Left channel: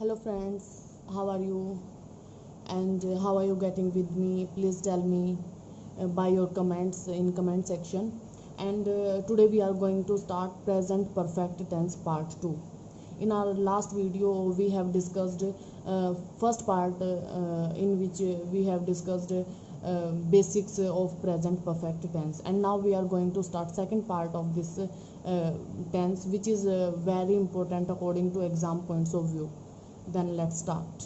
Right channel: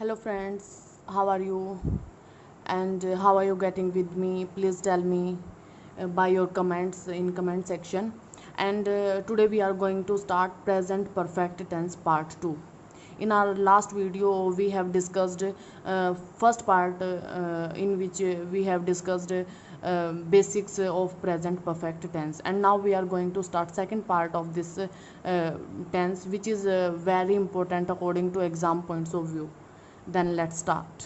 Hello friends, how are you? And how are you getting with me? Please tell me by your comments in comment section. And today we are going to start present perfect tense part 2. In our last video we have discussed first part in which we have discussed basics of present perfect tense, and now we are going to start second part of this tense, which is very important according to exam points of view. Then let's start.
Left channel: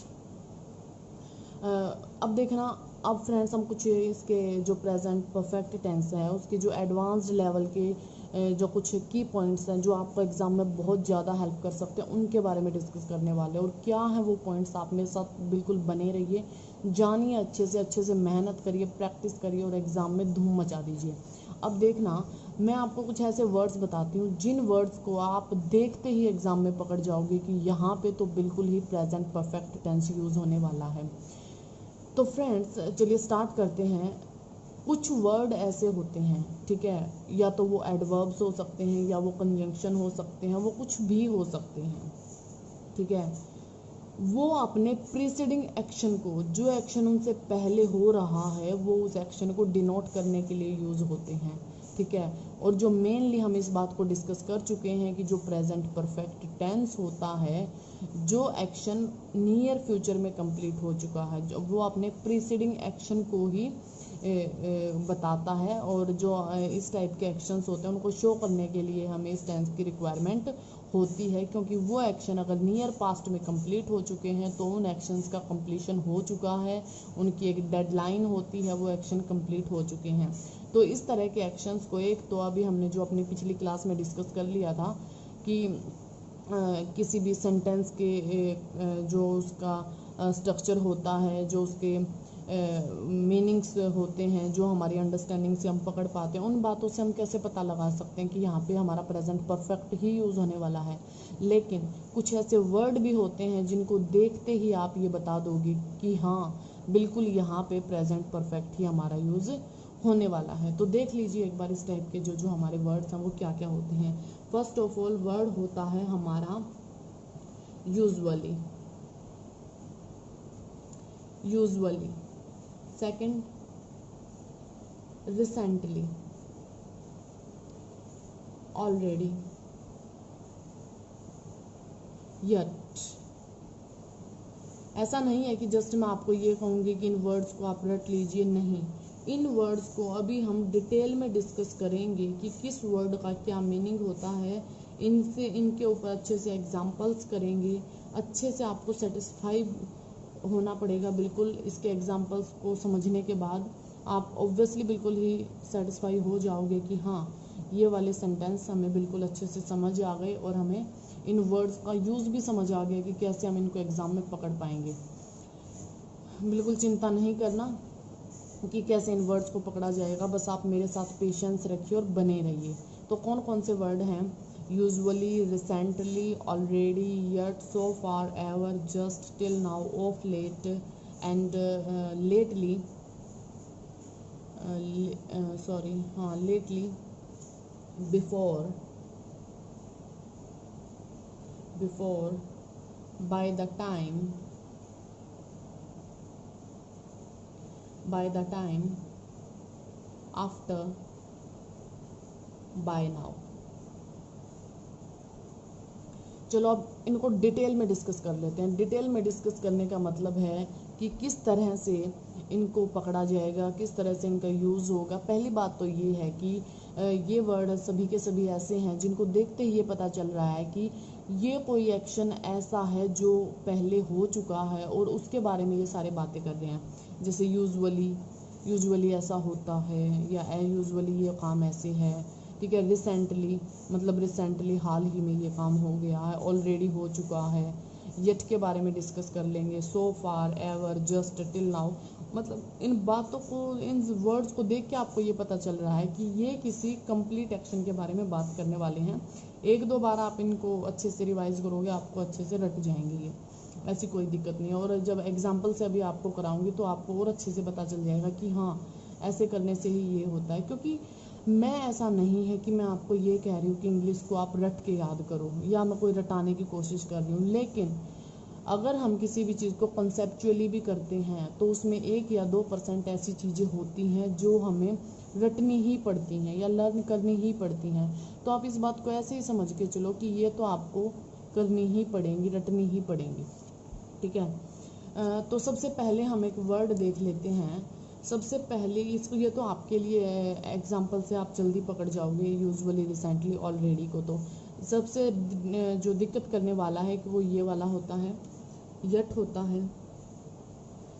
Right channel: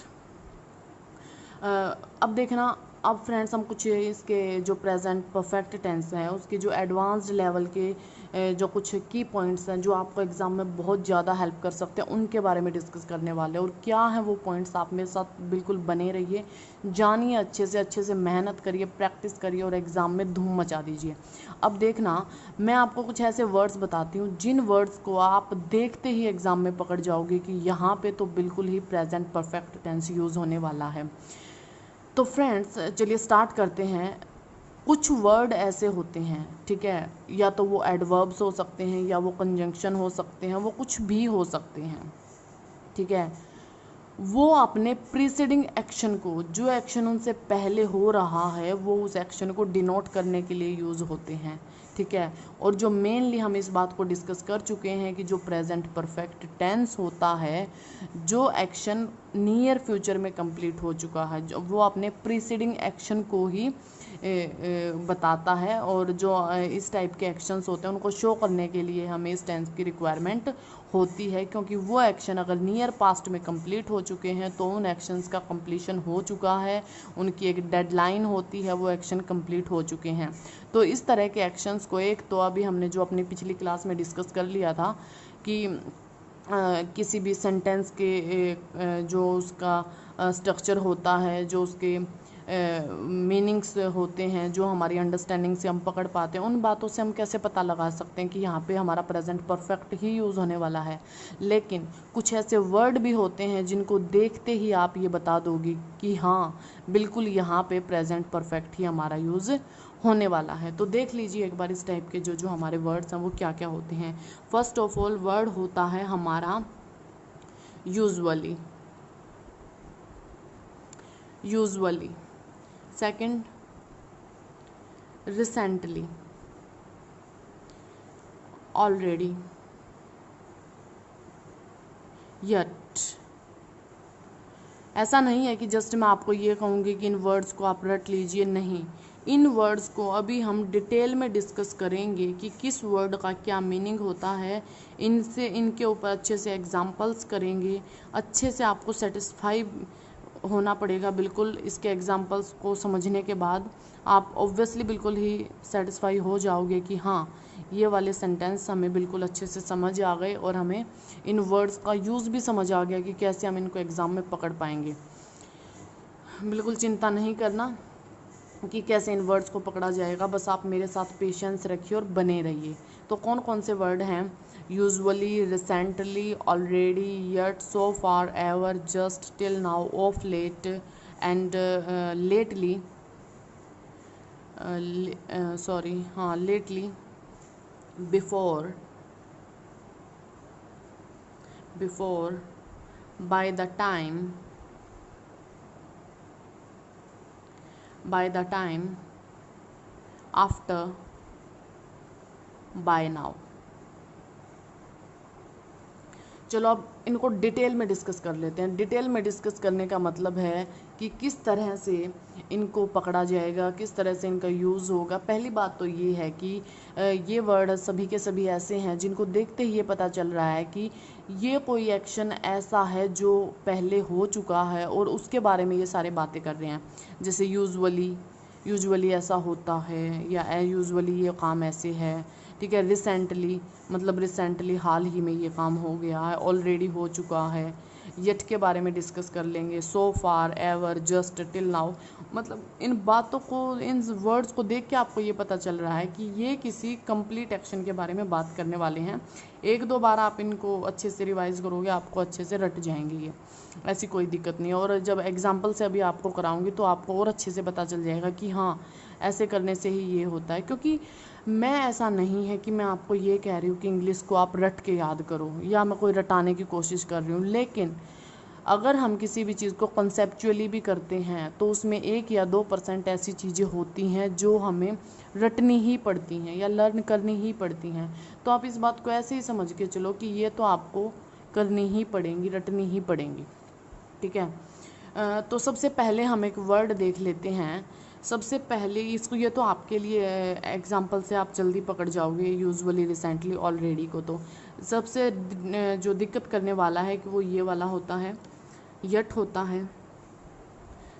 अब देखना, अब friends हम कुछ इसके जो present perfect tense है उसके जो एडवांस्ड लेवल के जो कुछ की पॉइंट्स हैं जो आपको एग्ज़ाम में बहुत ज़्यादा हेल्प कर सकते हैं उनके बारे में डिस्कस करने वाले हैं। और क्या है वो पॉइंट्स, आप मेरे साथ बिल्कुल बने रहिए, जानिए, अच्छे से मेहनत करिए, प्रैक्टिस करिए और एग्ज़ाम में धूम मचा दीजिए। अब देखना, मैं आपको कुछ ऐसे वर्ड्स बताती हूँ जिन वर्ड्स को आप देखते ही एग्ज़ाम में पकड़ जाओगे कि यहाँ पे तो बिल्कुल ही प्रेजेंट परफेक्ट टेंस यूज़ होने वाला है। तो फ्रेंड्स चलिए स्टार्ट करते हैं। कुछ वर्ड ऐसे होते हैं, ठीक है, या तो वो एडवर्ब्स हो सकते हैं या वो कंजंक्शन हो सकते हैं, वो कुछ भी हो सकते हैं, ठीक है। वो अपने प्रीसीडिंग एक्शन को, जो एक्शन उनसे पहले हो रहा है, वो उस एक्शन को डिनोट करने के लिए यूज़ होते हैं, ठीक है। और जो मेनली हम इस बात को डिस्कस कर चुके हैं कि जो प्रेजेंट परफेक्ट टेंस होता है, जो एक्शन नियर फ्यूचर में कंप्लीट हो चुका है, जो वो अपने प्रीसीडिंग एक्शन को ही बताता है। और जो इस टाइप के एक्शंस होते हैं उनको शो करने के लिए हमें इस टेंस की रिक्वायरमेंट होती है, क्योंकि वो एक्शन अगर नियर पास्ट में कंप्लीट हो चुके हैं तो उन एक्शंस का कंप्लीशन हो चुका है, उनकी एक डेडलाइन होती है, वो एक्शन कंप्लीट हो चुके हैं। तो इस तरह के एक्शंस को, एक तो अभी हमने जो अपनी पिछली क्लास में डिस्कस कर लिया था कि किसी भी सेंटेंस के जो उसका स्ट्रक्चर होता है, जो उसके मीनिंग्स होते हैं, जो हमारी अंडरस्टैंडिंग से हम पकड़ पाते हैं, उन बातों से हम कैसे पता लगा सकते हैं कि यहाँ पे हमारा प्रेजेंट परफेक्ट ही यूज़ होने वाला है। लेकिन कुछ ऐसे वर्ड भी होते हैं जिनको देखते ही आप ये बता दोगे कि हाँ बिल्कुल यहाँ पे प्रेजेंट परफेक्ट ही हमारा यूज़ होने वाला है। तो देख लीजिए एक बार इस टाइप के जो जो हमारे वर्ड्स हैं वो क्या क्या होते हैं। फर्स्ट ऑफ ऑल वर्ड होता है हमारा usually, usually. Second, recently, already, yet. ऐसा नहीं है कि जस्ट मैं आपको ये कहूँगी कि इन वर्ड्स को आप रट लीजिए, नहीं, इन वर्ड्स को अभी हम डिटेल में डिस्कस करेंगे कि किस वर्ड का क्या मीनिंग होता है। इनसे, इनके ऊपर अच्छे से एग्जांपल्स करेंगे, अच्छे से आपको सेटिस्फाई होना पड़ेगा। बिल्कुल इसके एग्जांपल्स को समझने के बाद आप ऑब्वियसली बिल्कुल ही सेटिस्फाई हो जाओगे कि हाँ ये वाले सेंटेंस हमें बिल्कुल अच्छे से समझ आ गए और हमें इन वर्ड्स का यूज़ भी समझ आ गया कि कैसे हम इनको एग्ज़ाम में पकड़ पाएंगे। बिल्कुल चिंता नहीं करना कि कैसे इन वर्ड्स को पकड़ा जाएगा, बस आप मेरे साथ पेशेंस रखिए और बने रहिए। तो कौन कौन से वर्ड हैं? Usually, recently, already, yet, so far, ever, just, till now, of late and lately, sorry हाँ lately, before, before, by the time, by the time, after, by now। चलो अब इनको डिटेल में डिस्कस कर लेते हैं। डिटेल में डिस्कस करने का मतलब है कि किस तरह से इनको पकड़ा जाएगा, किस तरह से इनका यूज़ होगा। पहली बात तो ये है कि ये वर्ड सभी के सभी ऐसे हैं जिनको देखते ही ये पता चल रहा है कि ये कोई एक्शन ऐसा है जो पहले हो चुका है और उसके बारे में ये सारी बातें कर रहे हैं। जैसे यूजुअली, यूजुअली ऐसा होता है, या यूजुअली ये काम ऐसे है, ठीक है। रिसेंटली मतलब रिसेंटली हाल ही में ये काम हो गया है, ऑलरेडी हो चुका है। येट के बारे में डिस्कस कर लेंगे, सो far, ever, just, till now. मतलब इन बातों को, इन वर्ड्स को देख के आपको ये पता चल रहा है कि ये किसी कंप्लीट एक्शन के बारे में बात करने वाले हैं। एक दो बार आप इनको अच्छे से रिवाइज करोगे, आपको अच्छे से रट जाएंगे ये, ऐसी कोई दिक्कत नहीं है। और जब एग्जाम्पल से अभी आपको कराऊंगी तो आपको और अच्छे से पता चल जाएगा कि हाँ ऐसे करने से ही ये होता है। क्योंकि मैं, ऐसा नहीं है कि मैं आपको ये कह रही हूँ कि इंग्लिश को आप रट के याद करो या मैं कोई रटाने की कोशिश कर रही हूँ, लेकिन अगर हम किसी भी चीज़ को कंसेप्चुअली भी करते हैं तो उसमें 1 या 2% ऐसी चीज़ें होती हैं जो हमें रटनी ही पड़ती हैं या लर्न करनी ही पड़ती हैं। तो आप इस बात को ऐसे ही समझ के चलो कि ये तो आपको करनी ही पड़ेंगी, रटनी ही पड़ेंगी, ठीक है। तो सबसे पहले हम एक वर्ड देख लेते हैं। सबसे पहले इसको, ये तो आपके लिए एग्जांपल से आप जल्दी पकड़ जाओगे यूजुअली, रिसेंटली, ऑलरेडी को। तो सबसे जो दिक्कत करने वाला है कि वो ये वाला होता है, यट होता है।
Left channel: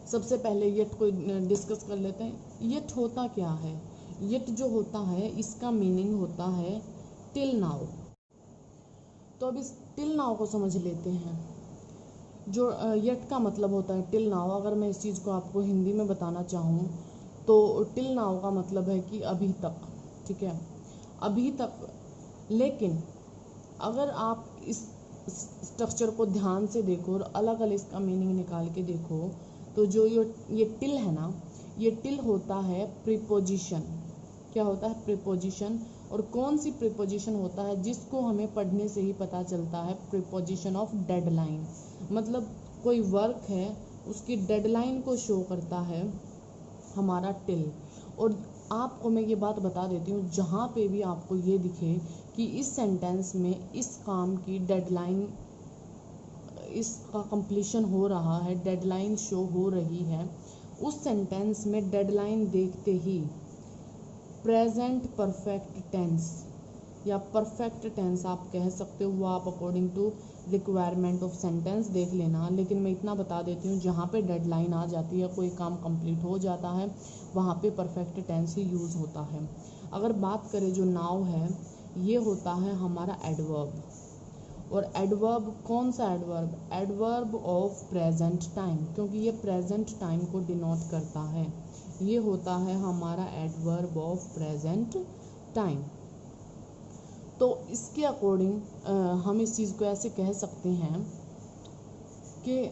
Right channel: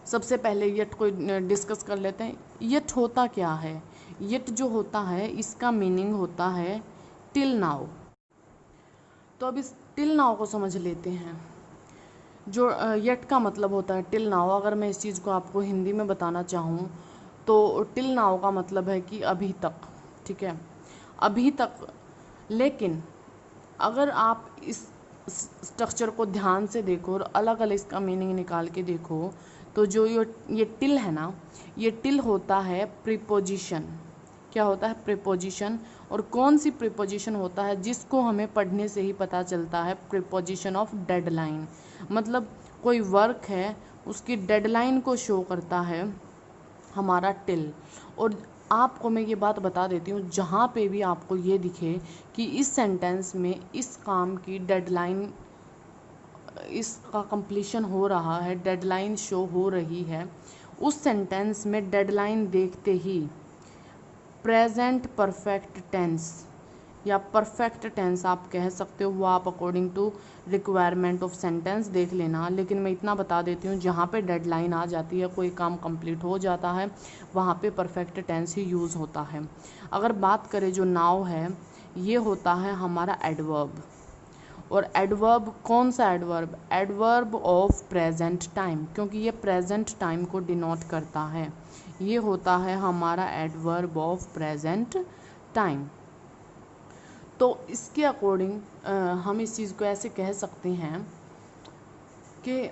सबसे पहले यट को डिस्कस कर लेते हैं। यट होता क्या है? यट जो होता है इसका मीनिंग होता है टिल नाउ। तो अब इस टिल नाउ को समझ लेते हैं। जो यट का मतलब होता है टिल नाउ, अगर मैं इस चीज़ को आपको हिंदी में बताना चाहूँ तो टिल नाउ का मतलब है कि अभी तक, ठीक है, अभी तक। लेकिन अगर आप इस स्ट्रक्चर को ध्यान से देखो और अलग अलग इसका मीनिंग निकाल के देखो तो जो ये टिल है ना, ये टिल होता है प्रीपोजिशन। क्या होता है? प्रीपोजिशन। और कौन सी प्रीपोजिशन होता है जिसको हमें पढ़ने से ही पता चलता है? Preposition of deadline. मतलब कोई वर्क है उसकी डेडलाइन को शो करता है हमारा टिल। और आपको मैं ये बात बता देती हूँ, जहाँ पे भी आपको ये दिखे कि इस सेंटेंस में इस काम की डेडलाइन, इसका कंप्लीशन हो रहा है, डेडलाइन शो हो रही है, उस सेंटेंस में डेडलाइन देखते ही प्रेजेंट परफेक्ट टेंस या परफेक्ट टेंस आप कह सकते हो, वो आप according to requirement of sentence देख लेना। लेकिन मैं इतना बता देती हूँ, जहाँ पे डेडलाइन आ जाती है, कोई काम कंप्लीट हो जाता है, वहाँ पे परफेक्ट टेंस ही यूज़ होता है। अगर बात करें जो नाउ है, ये होता है हमारा एडवर्ब। और एडवर्ब कौन सा adverb? Adverb of present time, क्योंकि ये प्रेजेंट टाइम को डिनोट करता है। ये होता है हमारा एडवर्ब ऑफ प्रेजेंट टाइम। तो इसके अकॉर्डिंग हम इस चीज़ को ऐसे कह सकते हैं कि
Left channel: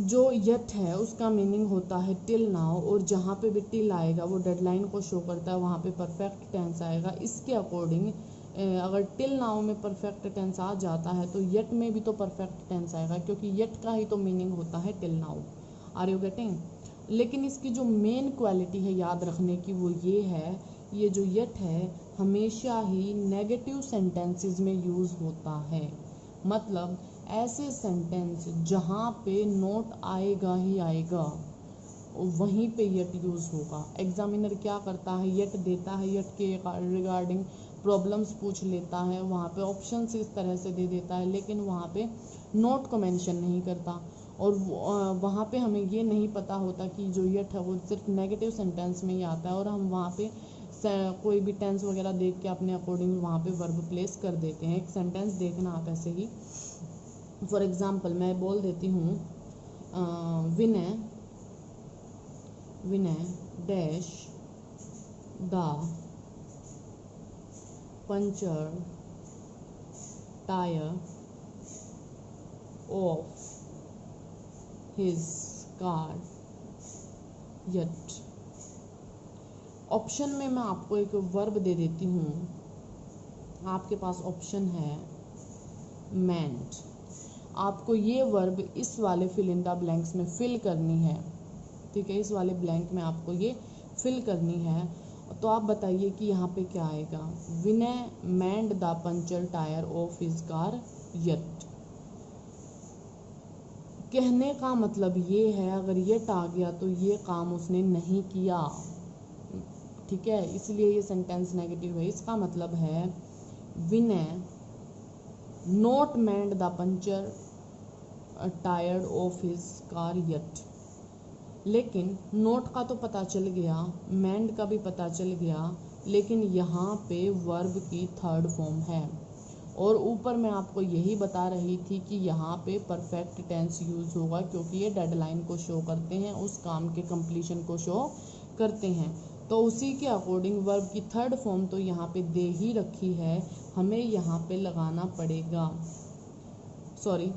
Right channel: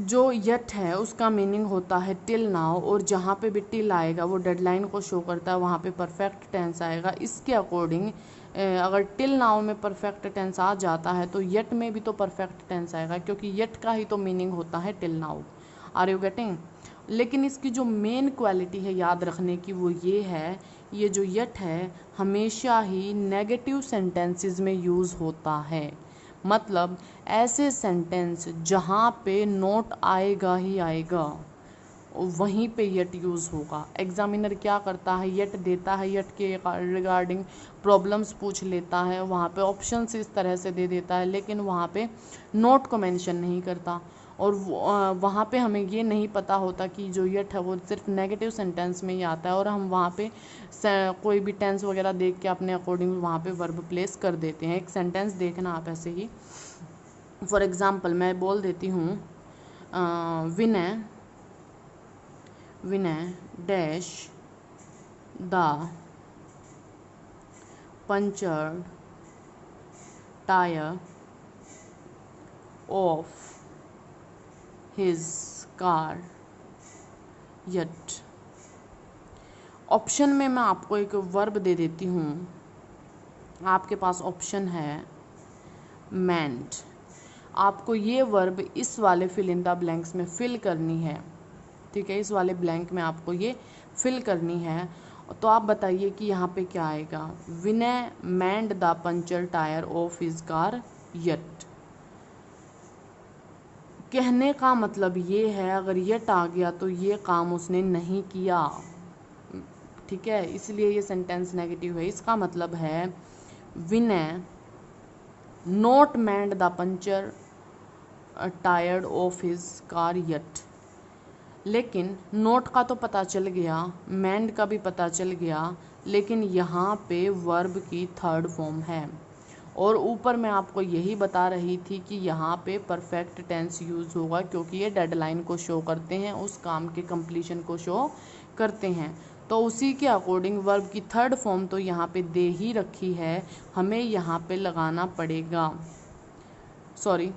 जो यट है उसका मीनिंग होता है टिल नाउ, और जहाँ पे भी टिल आएगा वो डेडलाइन को शो करता है, वहाँ पे परफेक्ट टेंस आएगा। इसके अकॉर्डिंग अगर टिल नाउ में परफेक्ट टेंस आ जाता है तो यट में भी तो परफेक्ट टेंस आएगा, क्योंकि यट का ही तो मीनिंग होता है till now. Are you getting? लेकिन इसकी जो मेन क्वालिटी है याद रखने की वो ये है, ये जो यट है हमेशा ही नेगेटिव सेंटेंसेस में यूज़ होता है। मतलब ऐसे सेंटेंस जहाँ पे नोट आएगा ही आएगा वहीं पे यट यूज़ होगा। एग्जामिनर क्या करता है? यट देता है, यट के रिगार्डिंग प्रॉब्लम्स पूछ लेता है, वहाँ पे ऑप्शंस इस तरह से दे देता है, लेकिन वहाँ पे नोट को मेंशन नहीं करता। और वहाँ पे हमें ये नहीं पता होता कि जो यट है वो सिर्फ नेगेटिव सेंटेंस में ही आता है, और हम वहाँ पे कोई भी टेंस वगैरह देख के अपने अकॉर्डिंग वहाँ पे वर्ब प्लेस कर देते हैं। एक सेंटेंस देखना आप ऐसे ही, फॉर एग्जाम्पल मैं बोल देती हूँ, Vinay dash the punctured tyre of his car yet. Option में मैं आपको एक वर्ब दे देती हूँ। आपके पास ऑप्शन है मेंट। आपको ये वर्ब इस वाले फिल इन द ब्लैंक्स में फिल करनी है, ठीक है, इस वाले ब्लैंक में आपको ये फिल करनी है। तो आप बताइए कि यहाँ पे क्या आएगा? Vinay mend the puncture tyre of his car yet. कहने का मतलब ये है, अगर यट आ गया तो ये काम उसने नहीं किया, ठीक है, इसलिए ये सेंटेंस नेगेटिव है। इसका मतलब है Vinay not mend the puncture tired of his car yet. लेकिन नोट का तो पता चल गया, मेंड का भी पता चल गया, लेकिन यहाँ पे वर्ब की थर्ड फॉर्म है। और ऊपर मैं आपको यही बता रही थी कि यहाँ पे परफेक्ट टेंस यूज़ होगा, क्योंकि ये डेडलाइन को शो करते हैं, उस काम के कंप्लीशन को शो करते हैं। तो उसी के अकॉर्डिंग वर्ब की थर्ड फॉर्म तो यहाँ पे दे ही रखी है, हमें यहाँ पे लगाना पड़ेगा। सॉरी,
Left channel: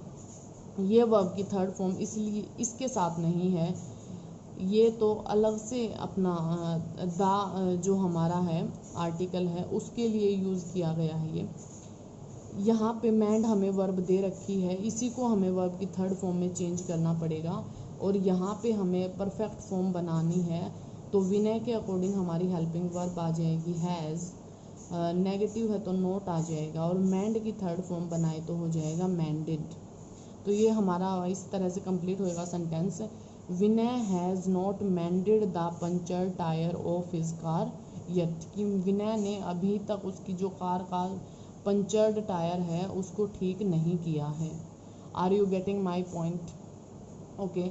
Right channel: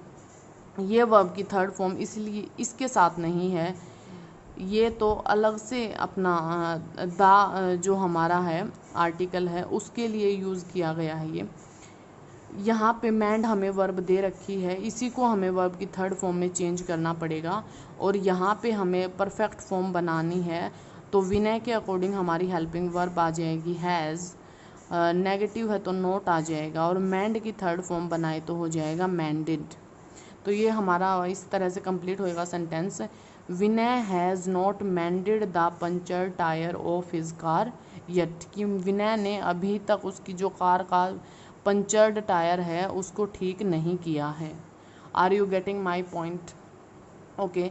ये वर्ब की थर्ड फॉर्म इसलिए इसके साथ नहीं है, ये तो अलग से अपना दा जो हमारा है आर्टिकल है उसके लिए यूज़ किया गया है ये। यहाँ पे मैंड हमें वर्ब दे रखी है, इसी को हमें वर्ब की थर्ड फॉर्म में चेंज करना पड़ेगा और यहाँ पे हमें परफेक्ट फॉर्म बनानी है। तो विनय के अकॉर्डिंग हमारी हेल्पिंग वर्ब आ जाएगी हैज़, नेगेटिव है तो नॉट आ जाएगा, और मैंड की थर्ड फॉर्म बनाए तो हो जाएगा मैंडेड। तो ये हमारा इस तरह से कंप्लीट होएगा sentence. Vinay has not mended the puncture tyre of his car yet, कि विनय ने अभी तक उसकी जो कार का पंचर्ड टायर है उसको ठीक नहीं किया है। Are you getting my point? Okay,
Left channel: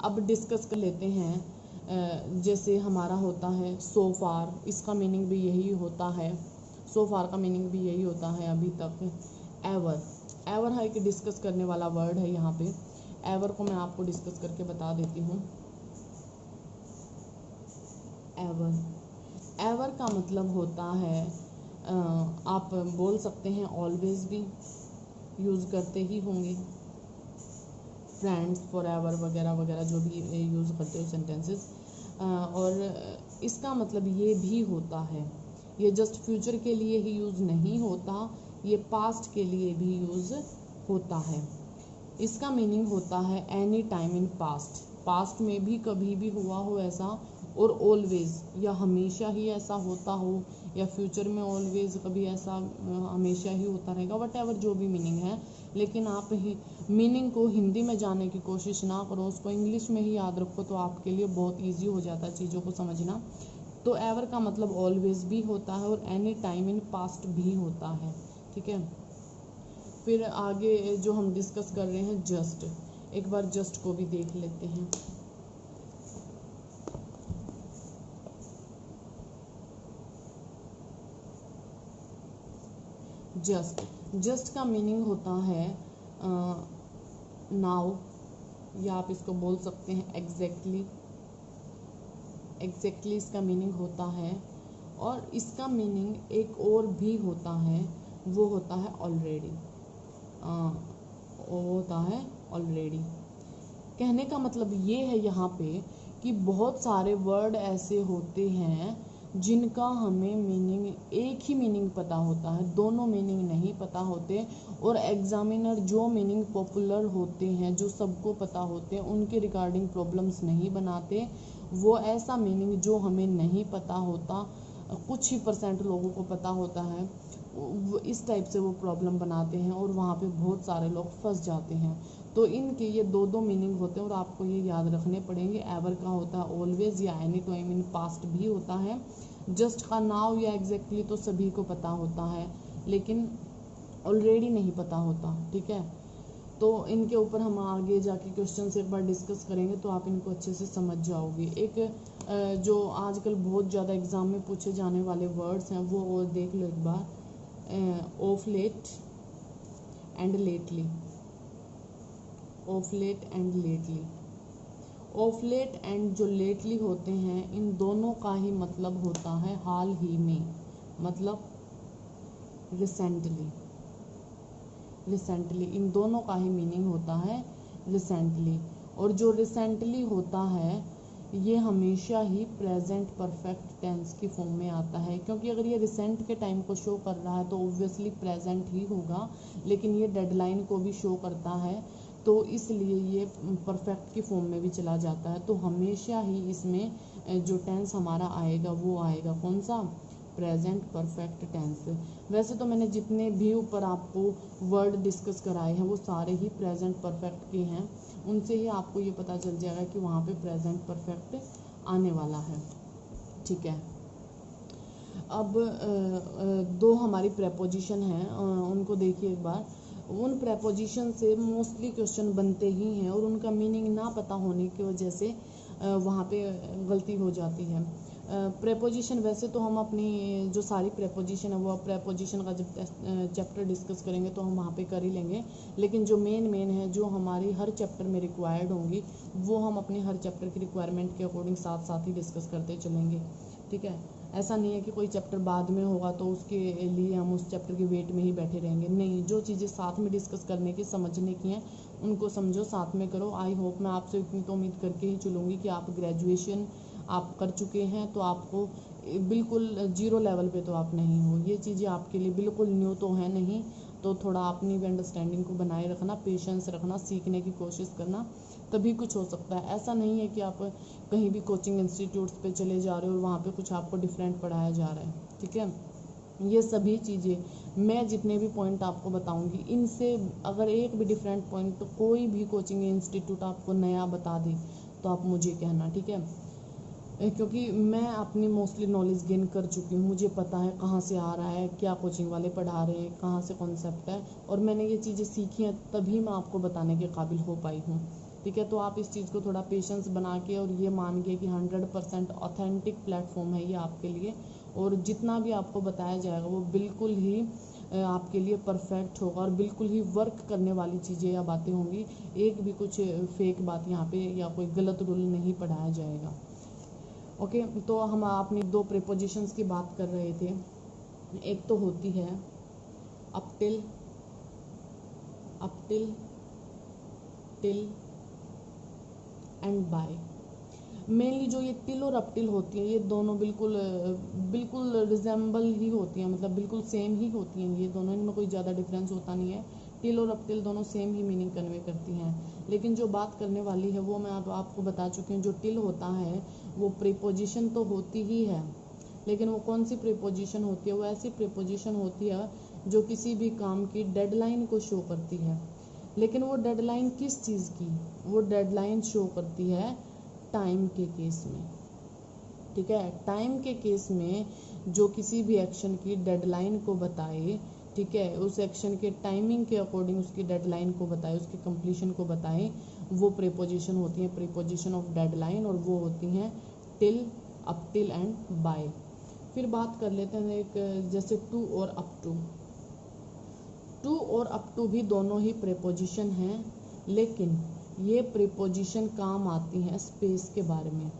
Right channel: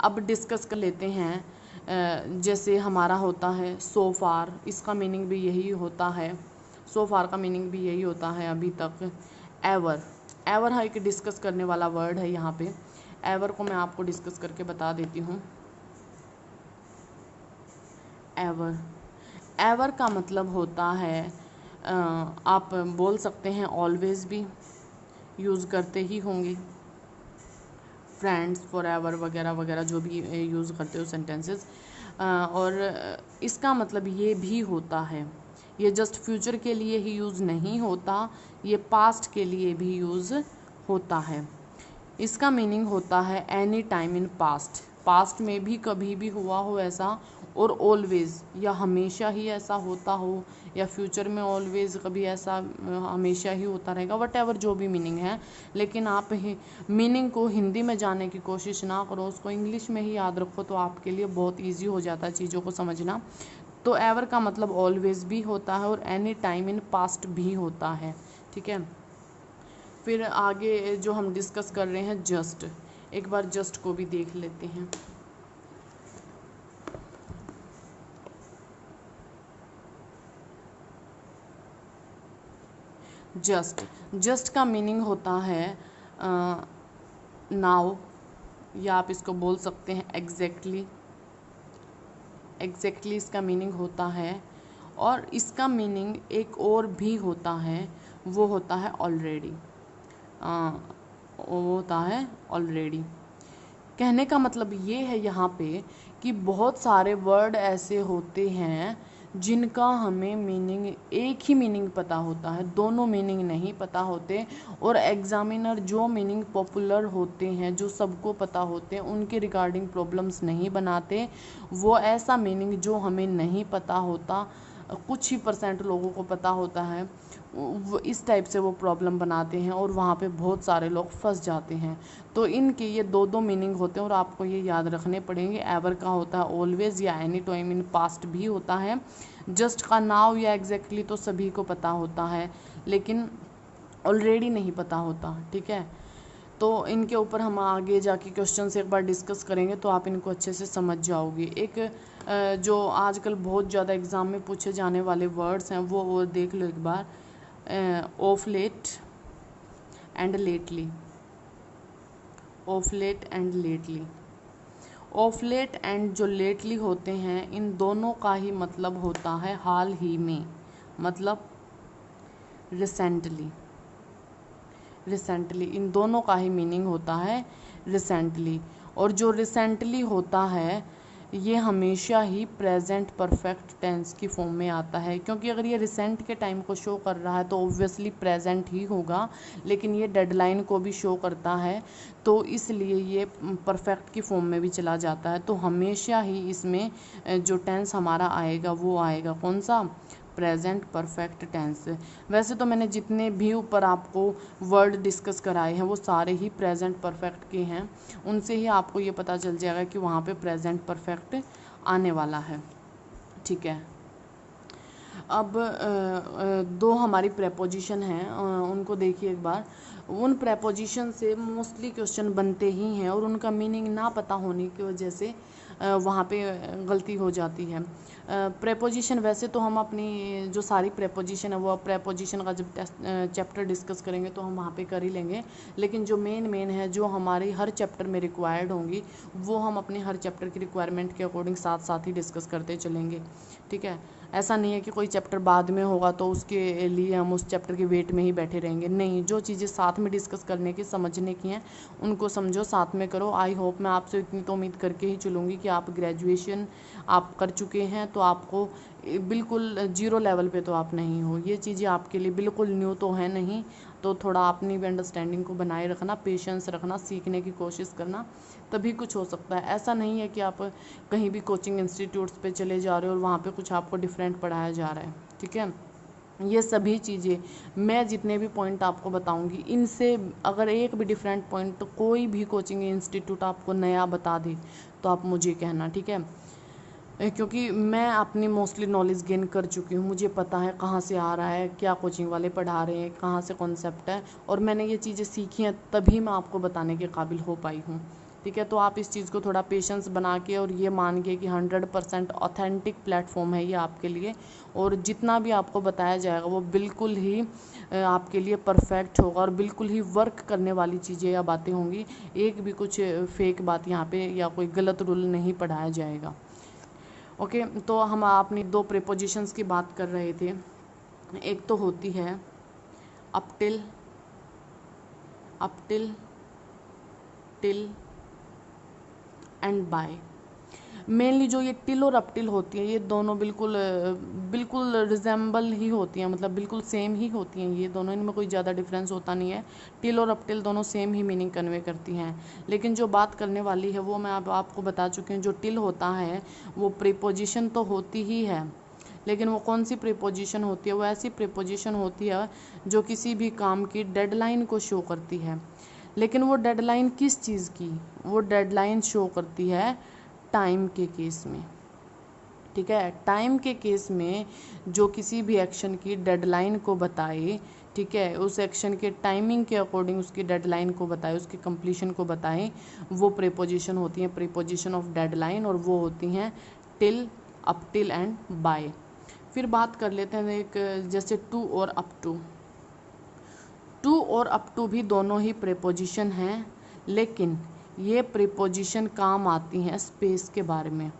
अब डिस्कस कर लेते हैं। जैसे हमारा होता है सो फार, इसका मीनिंग भी यही होता है, सो फार का मीनिंग भी यही होता है अभी तक। एवर, एवर है कि डिस्कस करने वाला वर्ड है यहाँ पे। एवर को मैं आपको डिस्कस करके बता देती हूँ। एवर, एवर का मतलब होता है आप बोल सकते हैं ऑलवेज भी यूज़ करते ही होंगे, फ्रेंड्स, फॉर एवर वगैरह वगैरह जो भी यूज़ करते हो सेंटेंसेस। और इसका मतलब ये भी होता है, ये जस्ट फ्यूचर के लिए ही यूज़ नहीं होता, ये पास्ट के लिए भी यूज़ होता है। इसका मीनिंग होता है any time in past, past में भी कभी भी हुआ हो ऐसा, और ऑलवेज या हमेशा ही ऐसा होता हो, या फ्यूचर में ऑलवेज कभी ऐसा हमेशा ही होता रहेगा, वट एवर जो भी मीनिंग है। लेकिन आप मीनिंग को हिंदी में जाने की कोशिश ना करो, उसको इंग्लिश में ही याद रखो, तो आपके लिए बहुत ईजी हो जाता है चीज़ों को समझना। तो एवर का मतलब ऑलवेज भी होता है और एनी टाइम इन पास्ट भी होता है, ठीक है। फिर आगे जो हम डिस्कस कर रहे हैं जस्ट, एक बार जस्ट को भी देख लेते हैं। जस्ट, जस्ट का मीनिंग होता है नाउ, या आप इसको बोल सकते हैं एग्जैक्टली, एग्जैक्टली इसका मीनिंग होता है। और इसका मीनिंग एक और भी होता है, वो होता है ऑलरेडी, वो होता है ऑलरेडी। कहने का मतलब ये है यहाँ पे कि बहुत सारे वर्ड ऐसे होते हैं जिनका हमें मीनिंग, एक ही मीनिंग पता होता है, दोनों मीनिंग नहीं पता होते, और एग्जामिनर जो मीनिंग पॉपुलर होते हैं, जो सबको पता होते हैं, उनके रिगार्डिंग प्रॉब्लम्स नहीं बनाते। वो ऐसा मीनिंग जो हमें नहीं पता होता, कुछ ही % लोगों को पता होता है, वो इस टाइप से वो प्रॉब्लम बनाते हैं और वहाँ पे बहुत सारे लोग फंस जाते हैं। तो इनके ये दो दो मीनिंग होते हैं और आपको ये याद रखने पड़ेंगे। एवर का होता है ऑलवेज या एनी टाइम इन पास्ट भी होता है। जस्ट का नाउ या एग्जैक्टली तो सभी को पता होता है, लेकिन ऑलरेडी नहीं पता होता, ठीक है। तो इनके ऊपर हम आगे जाके क्वेश्चन से एक बार डिस्कस करेंगे तो आप इनको अच्छे से समझ जाओगे। एक जो आजकल बहुत ज़्यादा एग्ज़ाम में पूछे जाने वाले वर्ड्स हैं वो देख लो एक बार। Of late and lately, of late and lately. Of late and जो लेटली होते हैं, इन दोनों का ही मतलब होता है हाल ही में, मतलब रिसेंटली, रिसेंटली, इन दोनों का ही मीनिंग होता है रिसेंटली। और जो रिसेंटली होता है ये हमेशा ही प्रेजेंट परफेक्ट टेंस की फॉर्म में आता है, क्योंकि अगर ये रिसेंट के टाइम को शो कर रहा है तो ऑब्वियसली प्रेजेंट ही होगा, लेकिन ये डेडलाइन को भी शो करता है, तो इसलिए ये परफेक्ट की फॉर्म में भी चला जाता है। तो हमेशा ही इसमें जो टेंस हमारा आएगा वो आएगा कौन सा, प्रेजेंट परफेक्ट टेंस। वैसे तो मैंने जितने भी ऊपर आपको वर्ड डिस्कस कराए हैं वो सारे ही प्रेजेंट परफेक्ट के हैं, उनसे ही आपको ये पता चल जाएगा कि वहाँ पे प्रेजेंट परफेक्ट आने वाला है, ठीक है। अब दो हमारी प्रेपोजिशन हैं, उनको देखिए एक बार। उन प्रेपोजिशन से मोस्टली क्वेश्चन बनते ही हैं और उनका मीनिंग ना पता होने की वजह से वहाँ पे गलती हो जाती है। प्रेपोजिशन वैसे तो हम अपनी जो सारी प्रेपोजिशन है वो प्रेपोजिशन का जब चैप्टर डिस्कस करेंगे तो हम वहाँ पे कर ही लेंगे, लेकिन जो मेन है जो हमारी हर चैप्टर में रिक्वायर्ड होंगी वो हम अपने हर चैप्टर की रिक्वायरमेंट के अकॉर्डिंग साथ साथ ही डिस्कस करते चलेंगे, ठीक है। ऐसा नहीं है कि कोई चैप्टर बाद में होगा तो उसके लिए हम उस चैप्टर के वेट में ही बैठे रहेंगे, नहीं, जो चीज़ें साथ में डिस्कस करने की समझने की हैं उनको समझो, साथ में करो। आई होप मैं आपसे इतनी तो उम्मीद करके ही चलूँगी कि आप ग्रेजुएशन आप कर चुके हैं, तो आपको बिल्कुल 0 लेवल पे तो आप नहीं हो, ये चीज़ें आपके लिए बिल्कुल न्यू तो है नहीं, तो थोड़ा अपनी भी अंडरस्टैंडिंग को बनाए रखना, पेशेंस रखना, सीखने की कोशिश करना, तभी कुछ हो सकता है। ऐसा नहीं है कि आप कहीं भी कोचिंग इंस्टीट्यूट्स पे चले जा रहे हो और वहाँ पे कुछ आपको डिफरेंट पढ़ाया जा रहा है, ठीक है। ये सभी चीज़ें, मैं जितने भी पॉइंट आपको बताऊंगी, इनसे अगर एक भी डिफरेंट पॉइंट तो कोई भी कोचिंग इंस्टीट्यूट आपको नया बता दे तो आप मुझे कहना, ठीक है। क्योंकि मैं अपनी मोस्टली नॉलेज गेन कर चुकी हूँ, मुझे पता है कहाँ से आ रहा है, क्या कोचिंग वाले पढ़ा रहे हैं, कहाँ से कॉन्सेप्ट है, और मैंने ये चीज़ें सीखी हैं, तभी मैं आपको बताने के काबिल हो पाई हूँ, ठीक है। तो आप इस चीज़ को थोड़ा पेशेंस बना के और ये मान के कि 100% ऑथेंटिक प्लेटफॉर्म है ये आपके लिए, और जितना भी आपको बताया जाएगा वो बिल्कुल ही आपके लिए परफेक्ट होगा और बिल्कुल ही वर्क करने वाली चीज़ें या बातें होंगी। एक भी कुछ फेक बात यहाँ पे या कोई गलत रूल नहीं पढ़ाया जाएगा। ओके, तो हम अपनी दो प्रीपोजिशंस की बात कर रहे थे। एक तो होती है up till, till and by. Mainly जो ये टिल और अप टिल होती है, ये दोनों बिल्कुल रिजेंबल ही होती हैं, मतलब बिल्कुल सेम ही होती हैं ये दोनों, इनमें कोई ज़्यादा डिफरेंस होता नहीं है। टिल और अप टिल दोनों सेम ही मीनिंग कन्वे करती हैं, लेकिन जो बात करने वाली है वो मैं अब आपको बता चुकी हूँ। जो टिल होता है वो प्रीपोजिशन तो होती ही है, लेकिन वो कौन सी प्रीपोजिशन होती है, वो ऐसी प्रीपोजिशन होती है जो किसी भी काम की डेडलाइन को शो करती है। लेकिन वो डेडलाइन किस चीज़ की, वो डेडलाइन शो करती है टाइम के केस में, ठीक है। टाइम के केस में जो किसी भी एक्शन की डेडलाइन को बताए, ठीक है, उस एक्शन के टाइमिंग के अकॉर्डिंग उसकी डेडलाइन को बताए, उसकी कंप्लीशन को बताए, वो प्रीपोजिशन होती है, प्रीपोजिशन ऑफ डेडलाइन, और वो होती हैं till, up till and by. फिर बात कर लेते हैं एक, जैसे टू और अप टू। टू और अप टू भी दोनों ही प्रीपोजिशन हैं, लेकिन ये प्रीपोजिशन काम आती हैं स्पेस के बारे में।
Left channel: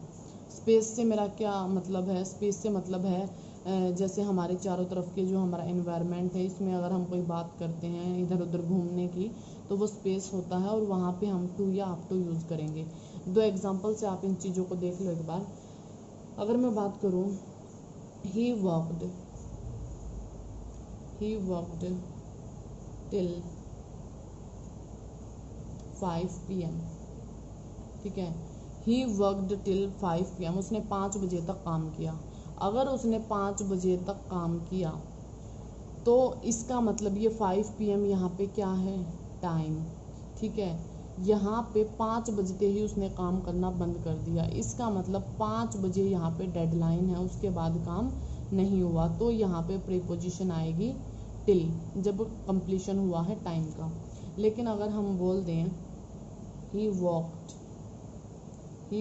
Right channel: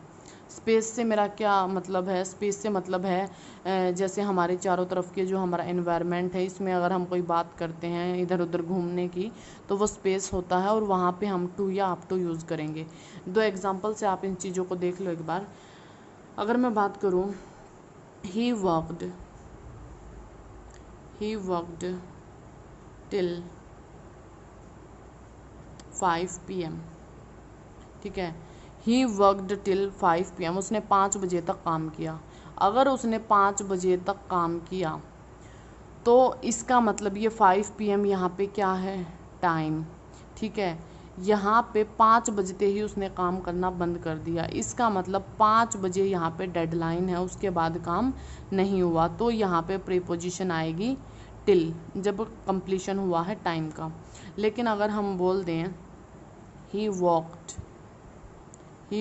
स्पेस से मेरा क्या मतलब है, स्पेस से मतलब है जैसे हमारे चारों तरफ के जो हमारा एनवायरनमेंट है, इसमें अगर हम कोई बात करते हैं इधर उधर घूमने की, तो वो स्पेस होता है, और वहाँ पे हम टू या अप टू यूज़ करेंगे। दो एग्जांपल से आप इन चीज़ों को देख लो एक बार। अगर मैं बात करूँ, ही वर्कड टिल 5 PM, ठीक है। ही वर्कड टिल 5 PM, उसने 5 बजे तक काम किया। अगर उसने 5 बजे तक काम किया तो इसका मतलब ये 5 PM यहाँ पे क्या है, टाइम, ठीक है। यहाँ पे 5 बजते ही उसने काम करना बंद कर दिया, इसका मतलब 5 बजे यहाँ पे डेडलाइन है, उसके बाद काम नहीं हुआ, तो यहाँ पे प्रीपोजिशन आएगी टिल, जब कंप्लीशन हुआ है टाइम का। लेकिन अगर हम बोल दें he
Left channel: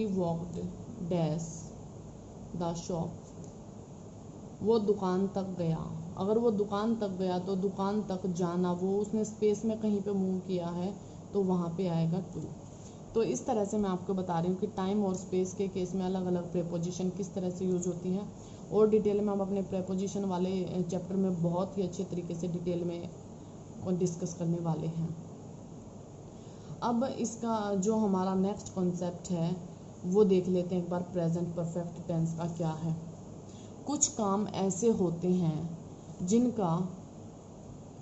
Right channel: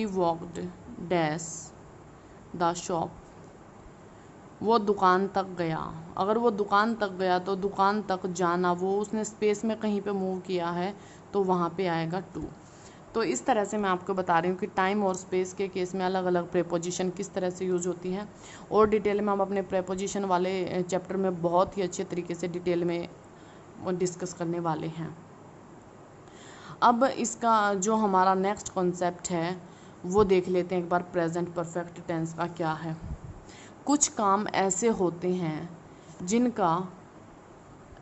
walked dash the shop, वो दुकान तक गया। अगर वो दुकान तक गया तो दुकान तक जाना, वो उसने स्पेस में कहीं पे मूव किया है, तो वहाँ पे आएगा टू। तो इस तरह से मैं आपको बता रही हूँ कि टाइम और स्पेस के केस में अलग अलग प्रीपोजिशन किस तरह से यूज होती हैं, और डिटेल में हम अपने प्रीपोजिशन वाले चैप्टर में बहुत ही अच्छे तरीके से डिटेल में डिस्कस करने वाले हैं। अब इसका जो हमारा नेक्स्ट कॉन्सेप्ट है वो देख लेते हैं एक बार, प्रेजेंट परफेक्ट टेंस का क्या है। कुछ काम ऐसे होते हैं जिनका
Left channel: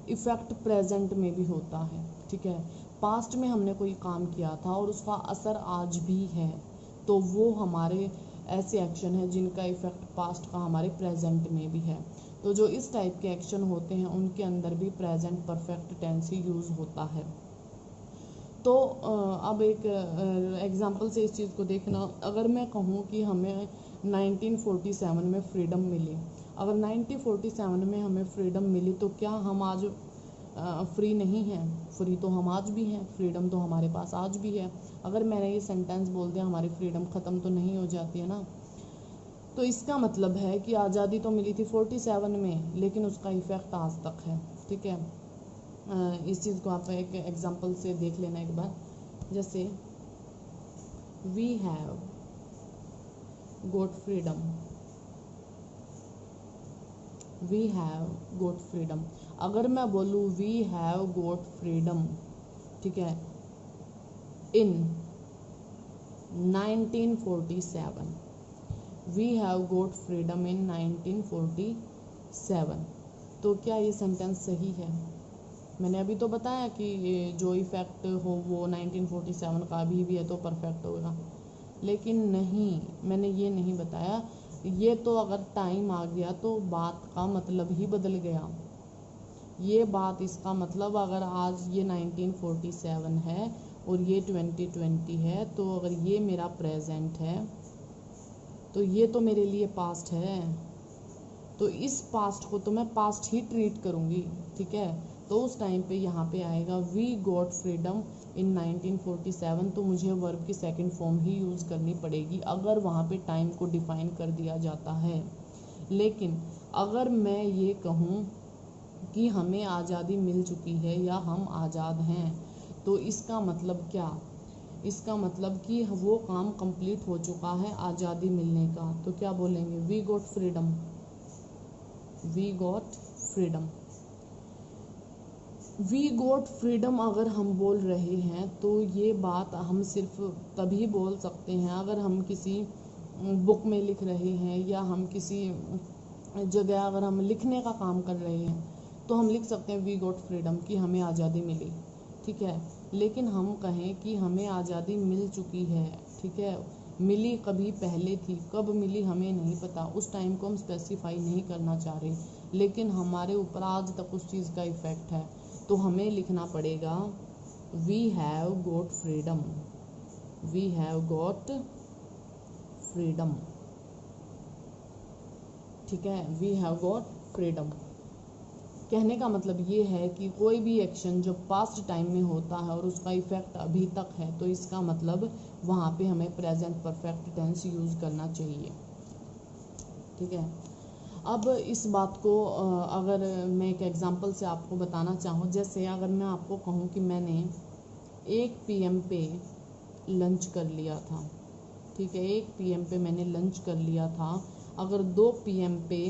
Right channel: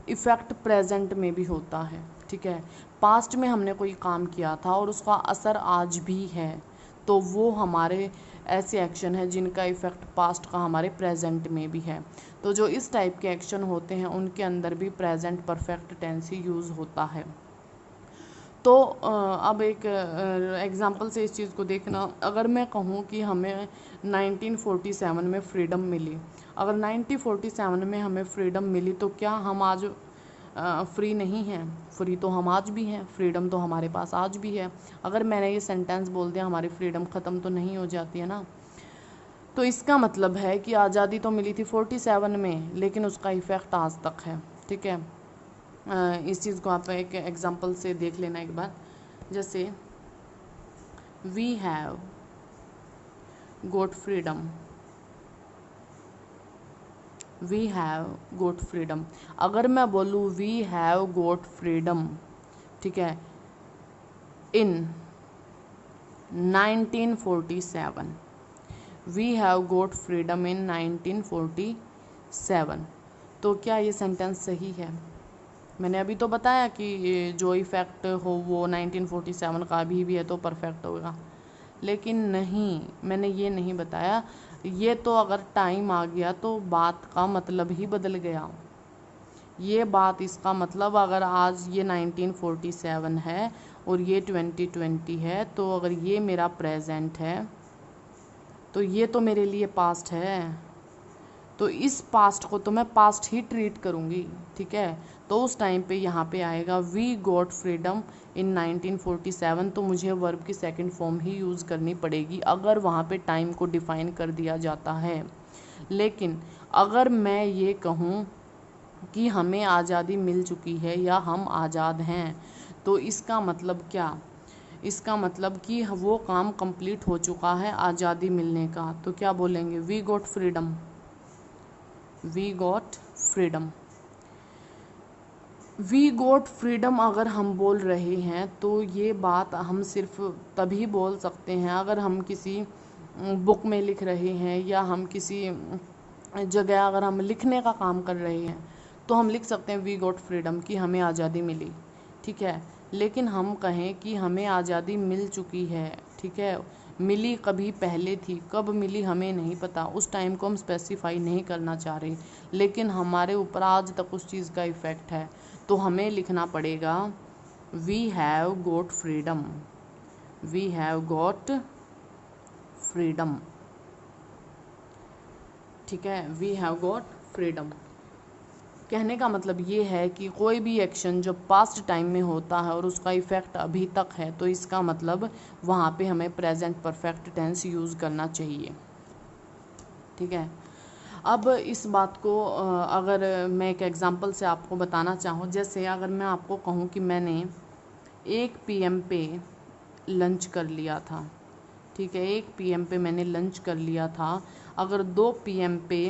इफ़ेक्ट प्रेजेंट में भी होता है, ठीक है। पास्ट में हमने कोई काम किया था और उसका असर आज भी है, तो वो हमारे ऐसे एक्शन है जिनका इफ़ेक्ट पास्ट का हमारे प्रेजेंट में भी है। तो जो इस टाइप के एक्शन होते हैं उनके अंदर भी प्रेजेंट परफेक्ट टेंस ही यूज़ होता है। तो अब एक एग्ज़ाम्पल से इस चीज़ को देखना। अगर मैं कहूँ कि हमें 1947 में फ्रीडम मिली, अगर 1947 में हमें फ्रीडम मिली तो क्या हम आज फ्री नहीं हैं? फ्री तो हम आज भी हैं, फ्रीडम तो हमारे पास आज भी है। अगर मैंने ये सेंटेंस बोल दिया हमारी फ्रीडम ख़त्म तो नहीं हो जाती है ना। तो इसका मतलब है कि आज़ादी तो मिली थी 47 में, लेकिन उसका इफ़ेक्ट आज तक है, ठीक है। इस चीज़ को आप एक एग्जांपल से देख लेना एक बार। जैसे वी हैव गोट फ्रीडम, अगर मैं बोलूँ वी हैव गोट फ्रीडम, ठीक है, in 1947, we have got freedom in 1947, तो क्या ये सेंटेंस सही है? मैंने अभी तो बताया कि ये जो इफ़ेक्ट हो वो 1947 का भी है तो परफेक्ट होगा, लेकिन नहीं, मैंने ये नहीं बताया। ये तो अगर टाइम आ गया तो बात का मतलब ही बदल गया। ये बात, इसका मतलब अगर आज ये 1947 है और ये 2020 है, तो अगर ये मेरा प्रेजेंट है तो ये तो मेरे लिए पास्ट है, तो इस पास्ट को तो मैं पास्ट ही ट्रीट करूँगी, ठीक है। तो उस टाइम पे यहाँ पे आएगा वी गॉट फ्रीडम इन 1947, तो मुझे वर्ब की सेकंड फॉर्म ही यूज़ करनी पड़ेगी अगर वहाँ पे टाइम को डिफ़ाइन कर दिया जाता है। लेकिन अगर मैं ये कहूँ कि हमें आज़ादी मिल चुकी है या हम आज़ाद हैं, तो इसका मतलब क्या, इसका मतलब कि वो काम कंप्लीट हो चुका है आज़ादी मिलने का, तो क्या बोलेंगे, we got freedom, we got freedom. We got freedom अगर हम बोल रहे हैं तो ये बात हम सिर्फ तभी बोल सकते हैं अगर हम किसी बुक में लिख रहे हैं या हम किसी जगह अगर हम लिखने का काम कर रहे हैं, तो हम लिख सकते हैं वी गॉट फ्रीडम कि हमें आज़ादी मिली, ठीक है। लेकिन हम कहें कि हमें आज़ादी मिल चुकी है, ठीक है, मिली कभी पहले थी, कब मिली हमें नहीं पता, उस टाइम को हम स्पेसिफाई नहीं करना चाह रहे, लेकिन हमारे ऊपर आज तक उस चीज़ का इफ़ेक्ट है, तो हमें लिखना पड़ेगा we have got freedom, we have got freedom, ठीक है, वी हैव गॉट फ्रीडम। कहने का मतलब ये है कि कोई भी एक्शन जो पास्ट टाइम में होता है और उसका इफ़ेक्ट अभी तक है, तो इसका मतलब वहाँ पे हमें प्रेजेंट परफेक्ट टेंस यूज़ करना चाहिए, ठीक है। अब इस बात को अगर मैं एक एग्जांपल से आपको बताना चाहूँ, जैसे अगर मैं आपको कहूँ कि मैंने 1 PM पे लंच कर लिया था, ठीक है, 1 PM पे मैंने लंच कर लिया था। अगर 2 PM पे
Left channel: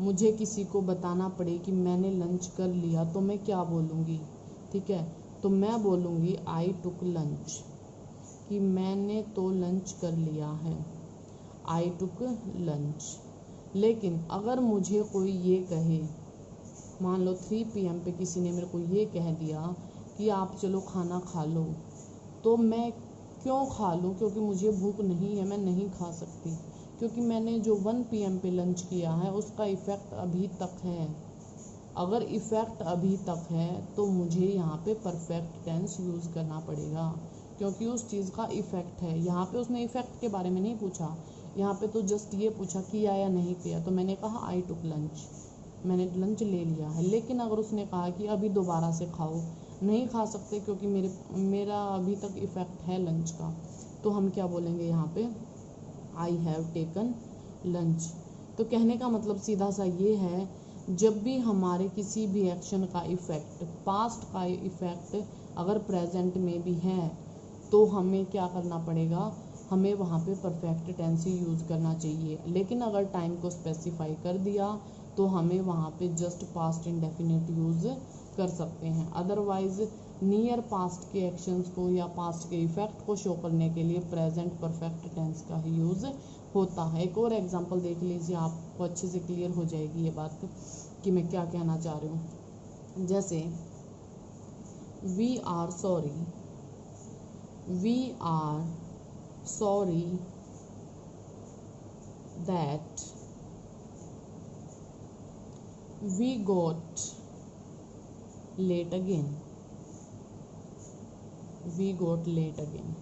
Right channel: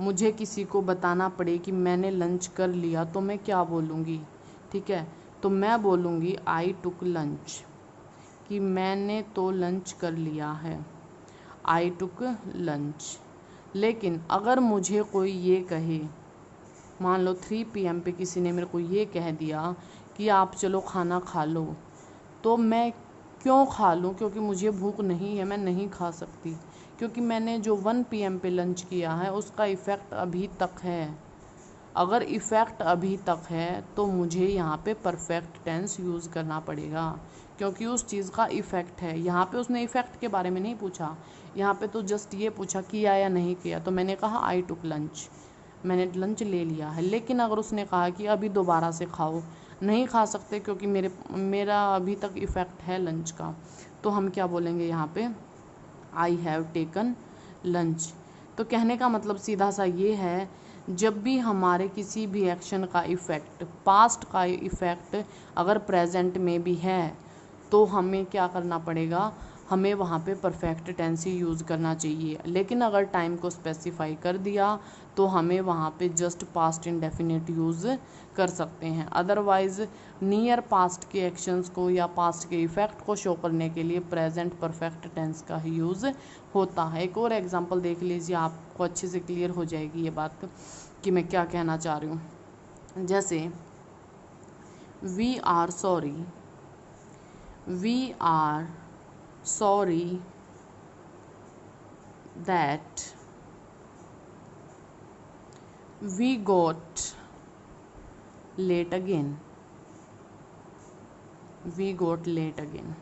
मुझे किसी को बताना पड़े कि मैंने लंच कर लिया, तो मैं क्या बोलूँगी, ठीक है, तो मैं बोलूँगी आई टुक लंच, कि मैंने तो लंच कर लिया है, आई टुक लंच। लेकिन अगर मुझे कोई ये कहे, मान लो 3 PM पे किसी ने मेरे को ये कह दिया कि आप चलो खाना खा लो, तो मैं क्यों खा लूँ, क्योंकि मुझे भूख नहीं है, मैं नहीं खा सकती, क्योंकि मैंने जो 1 PM पे लंच किया है उसका इफ़ेक्ट अभी तक है। अगर इफ़ेक्ट अभी तक है तो मुझे यहाँ पे परफेक्ट टेंस यूज़ करना पड़ेगा, क्योंकि उस चीज़ का इफ़ेक्ट है। यहाँ पे उसने इफ़ेक्ट के बारे में नहीं पूछा, यहाँ पे तो जस्ट ये पूछा किया या नहीं किया, तो मैंने कहा आई टुक लंच, मैंने लंच ले लिया है। लेकिन अगर उसने कहा कि अभी दोबारा से खाओ, नहीं खा सकते क्योंकि मेरा अभी तक इफ़ेक्ट है लंच का, तो हम क्या बोलेंगे यहाँ पे, आई हैव टेकन लंच। तो कहने का मतलब सीधा सा ये है, जब भी हमारे किसी भी एक्शन का इफ़ेक्ट, पास्ट का इफ़ेक्ट अगर प्रेजेंट में भी है, तो हमें क्या करना पड़ेगा, हमें वहाँ पे परफेक्ट टेंस ही यूज़ करना चाहिए। लेकिन अगर टाइम को स्पेसिफाई कर दिया तो हमें वहाँ पे जस्ट पास्ट इंडेफिनिट यूज़ कर सकते हैं। अदरवाइज़ नियर पास्ट के एक्शंस को या पास्ट के इफ़ेक्ट को शो करने के लिए प्रेजेंट परफेक्ट टेंस का ही यूज़ होता है। एक और एग्जांपल देख लीजिए, आपको अच्छे से क्लियर हो जाएगी ये बात कि मैं क्या कहना चाह रही हूँ। जैसे we are sorry, we are sorry that we got late again, we got late again।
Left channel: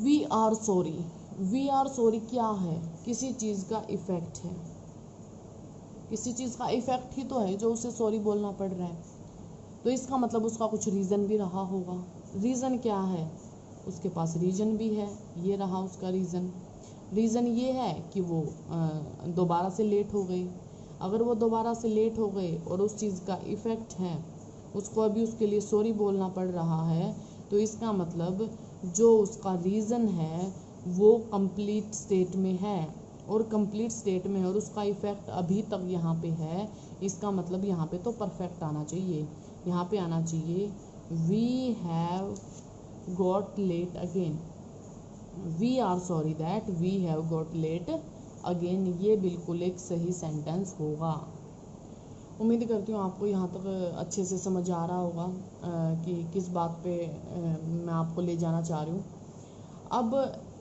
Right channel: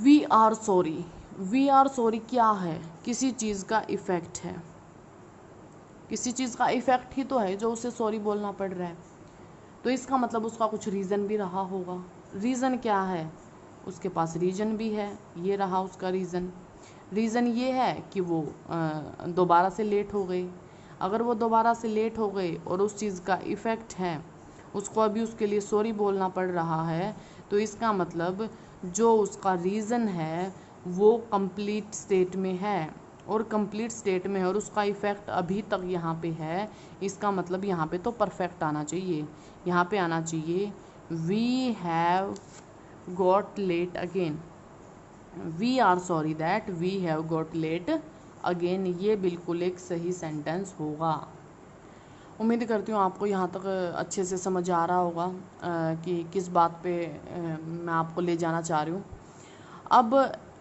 we are sorry, we are sorry क्या है, किसी चीज़ का इफ़ेक्ट है, किसी चीज़ का इफ़ेक्ट ही तो है जो उसे सॉरी बोलना पड़ रहा है, तो इसका मतलब उसका कुछ रीज़न भी रहा होगा। रीज़न क्या है, उसके पास रीज़न भी है, ये रहा उसका रीज़न। रीज़न ये है कि वो दोबारा से लेट हो गई। अगर वो दोबारा से लेट हो गई और उस चीज़ का इफ़ेक्ट है, उसको अभी उसके लिए सॉरी बोलना पड़ रहा है, तो इसका मतलब जो उसका रीज़न है वो कंप्लीट स्टेट में है, और कंप्लीट स्टेट में है और उसका इफ़ेक्ट अभी तक यहाँ पे है। इसका मतलब यहाँ पे तो परफेक्ट आना चाहिए, यहाँ पे आना चाहिए we have got late again, we are sorry that we have got late again. ये बिल्कुल एक सही सेंटेंस होगा। उम्मीद करती हूँ आपको यहाँ तक अच्छे से समझ आ रहा होगा कि किस बात पे मैं आपको ले जाना चाह रही हूँ। अब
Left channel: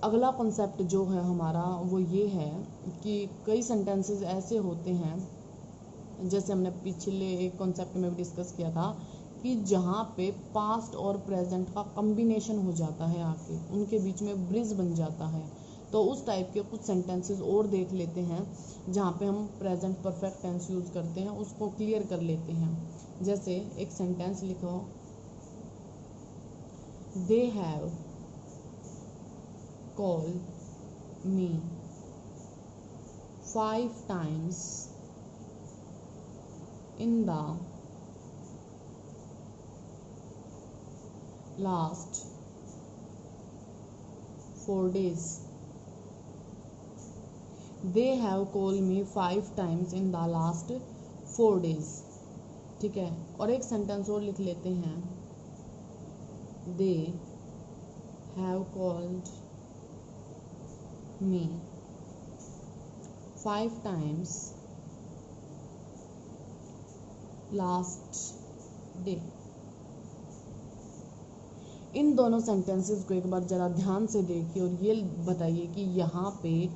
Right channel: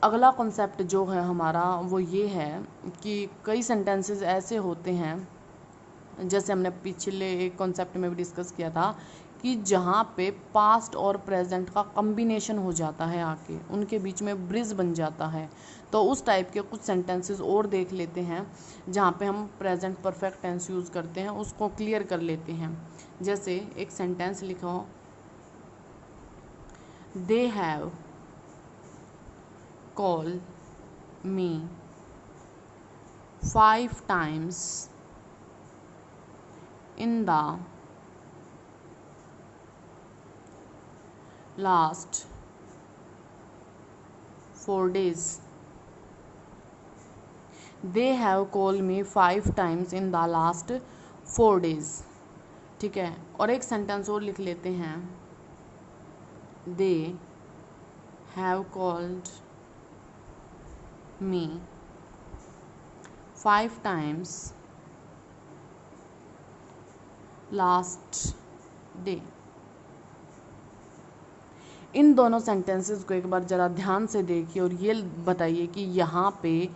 अगला कॉन्सेप्ट जो है हमारा वो ये है कि कई सेंटेंसेस ऐसे होते हैं, जैसे हमने पिछले एक कॉन्सेप्ट में भी डिस्कस किया था, कि जहाँ पे पास्ट और प्रेजेंट का कम्बिनेशन हो जाता है, आके उनके बीच में ब्रिज बन जाता है। तो उस टाइप के कुछ सेंटेंसेस और देख लेते हैं जहाँ पे हम प्रेजेंट परफेक्ट टेंस यूज़ करते हैं, उसको क्लियर कर लेते हैं। जैसे एक सेंटेंस लिखो, they have call me 5 times in the last 4 days. They have called me 5 times in the last 4 days. ठीक है, और एक सेंटेंस और लिख लेते हैं, They have called me 5 times last day. इन दोनों सेंटेंसेस को एक बार ज़रा ध्यान से देखिए और ये बताइए कि यहाँ पे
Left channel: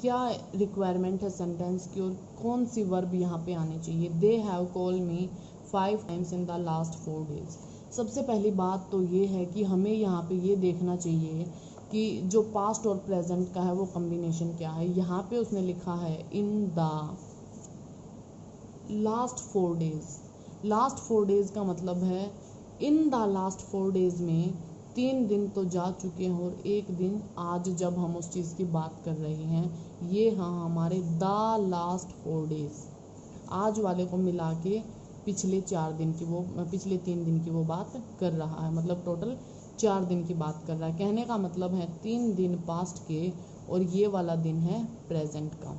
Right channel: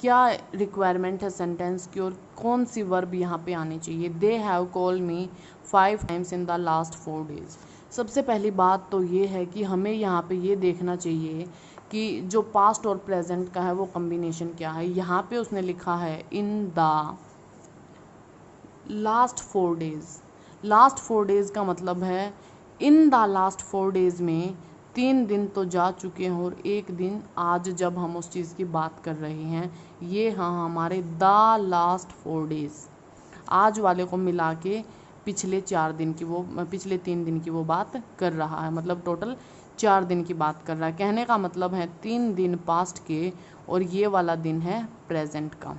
क्या रिक्वायरमेंट है सेंटेंस की और कौन सी वर्ब यहाँ पे आनी चाहिए। They have call me 5 times in the last 4 days। सबसे पहली बात तो ये है कि हमें यहाँ पे ये देखना चाहिए कि जो पास्ट और प्रेजेंट का है वो कम्बिनेशन क्या है। यहाँ पे उसने लिखा है in the last 4 days। Last 4 days का मतलब है इन द लास्ट 4 days में 3 दिन तो जा चुके हैं और एक दिन आज जब हम उस चीज़ की बात कर रहे हैं, ये हाँ हमारे द लास्ट 4 days। आज वाले को मिला के पिछले 3 दिन की वो बात कर रहा है, मतलब टोटल 4 दिन की बात कर रहा है। कहने का मतलब है 3 दिन पास्ट के और ये वाला दिन है प्रेजेंट का।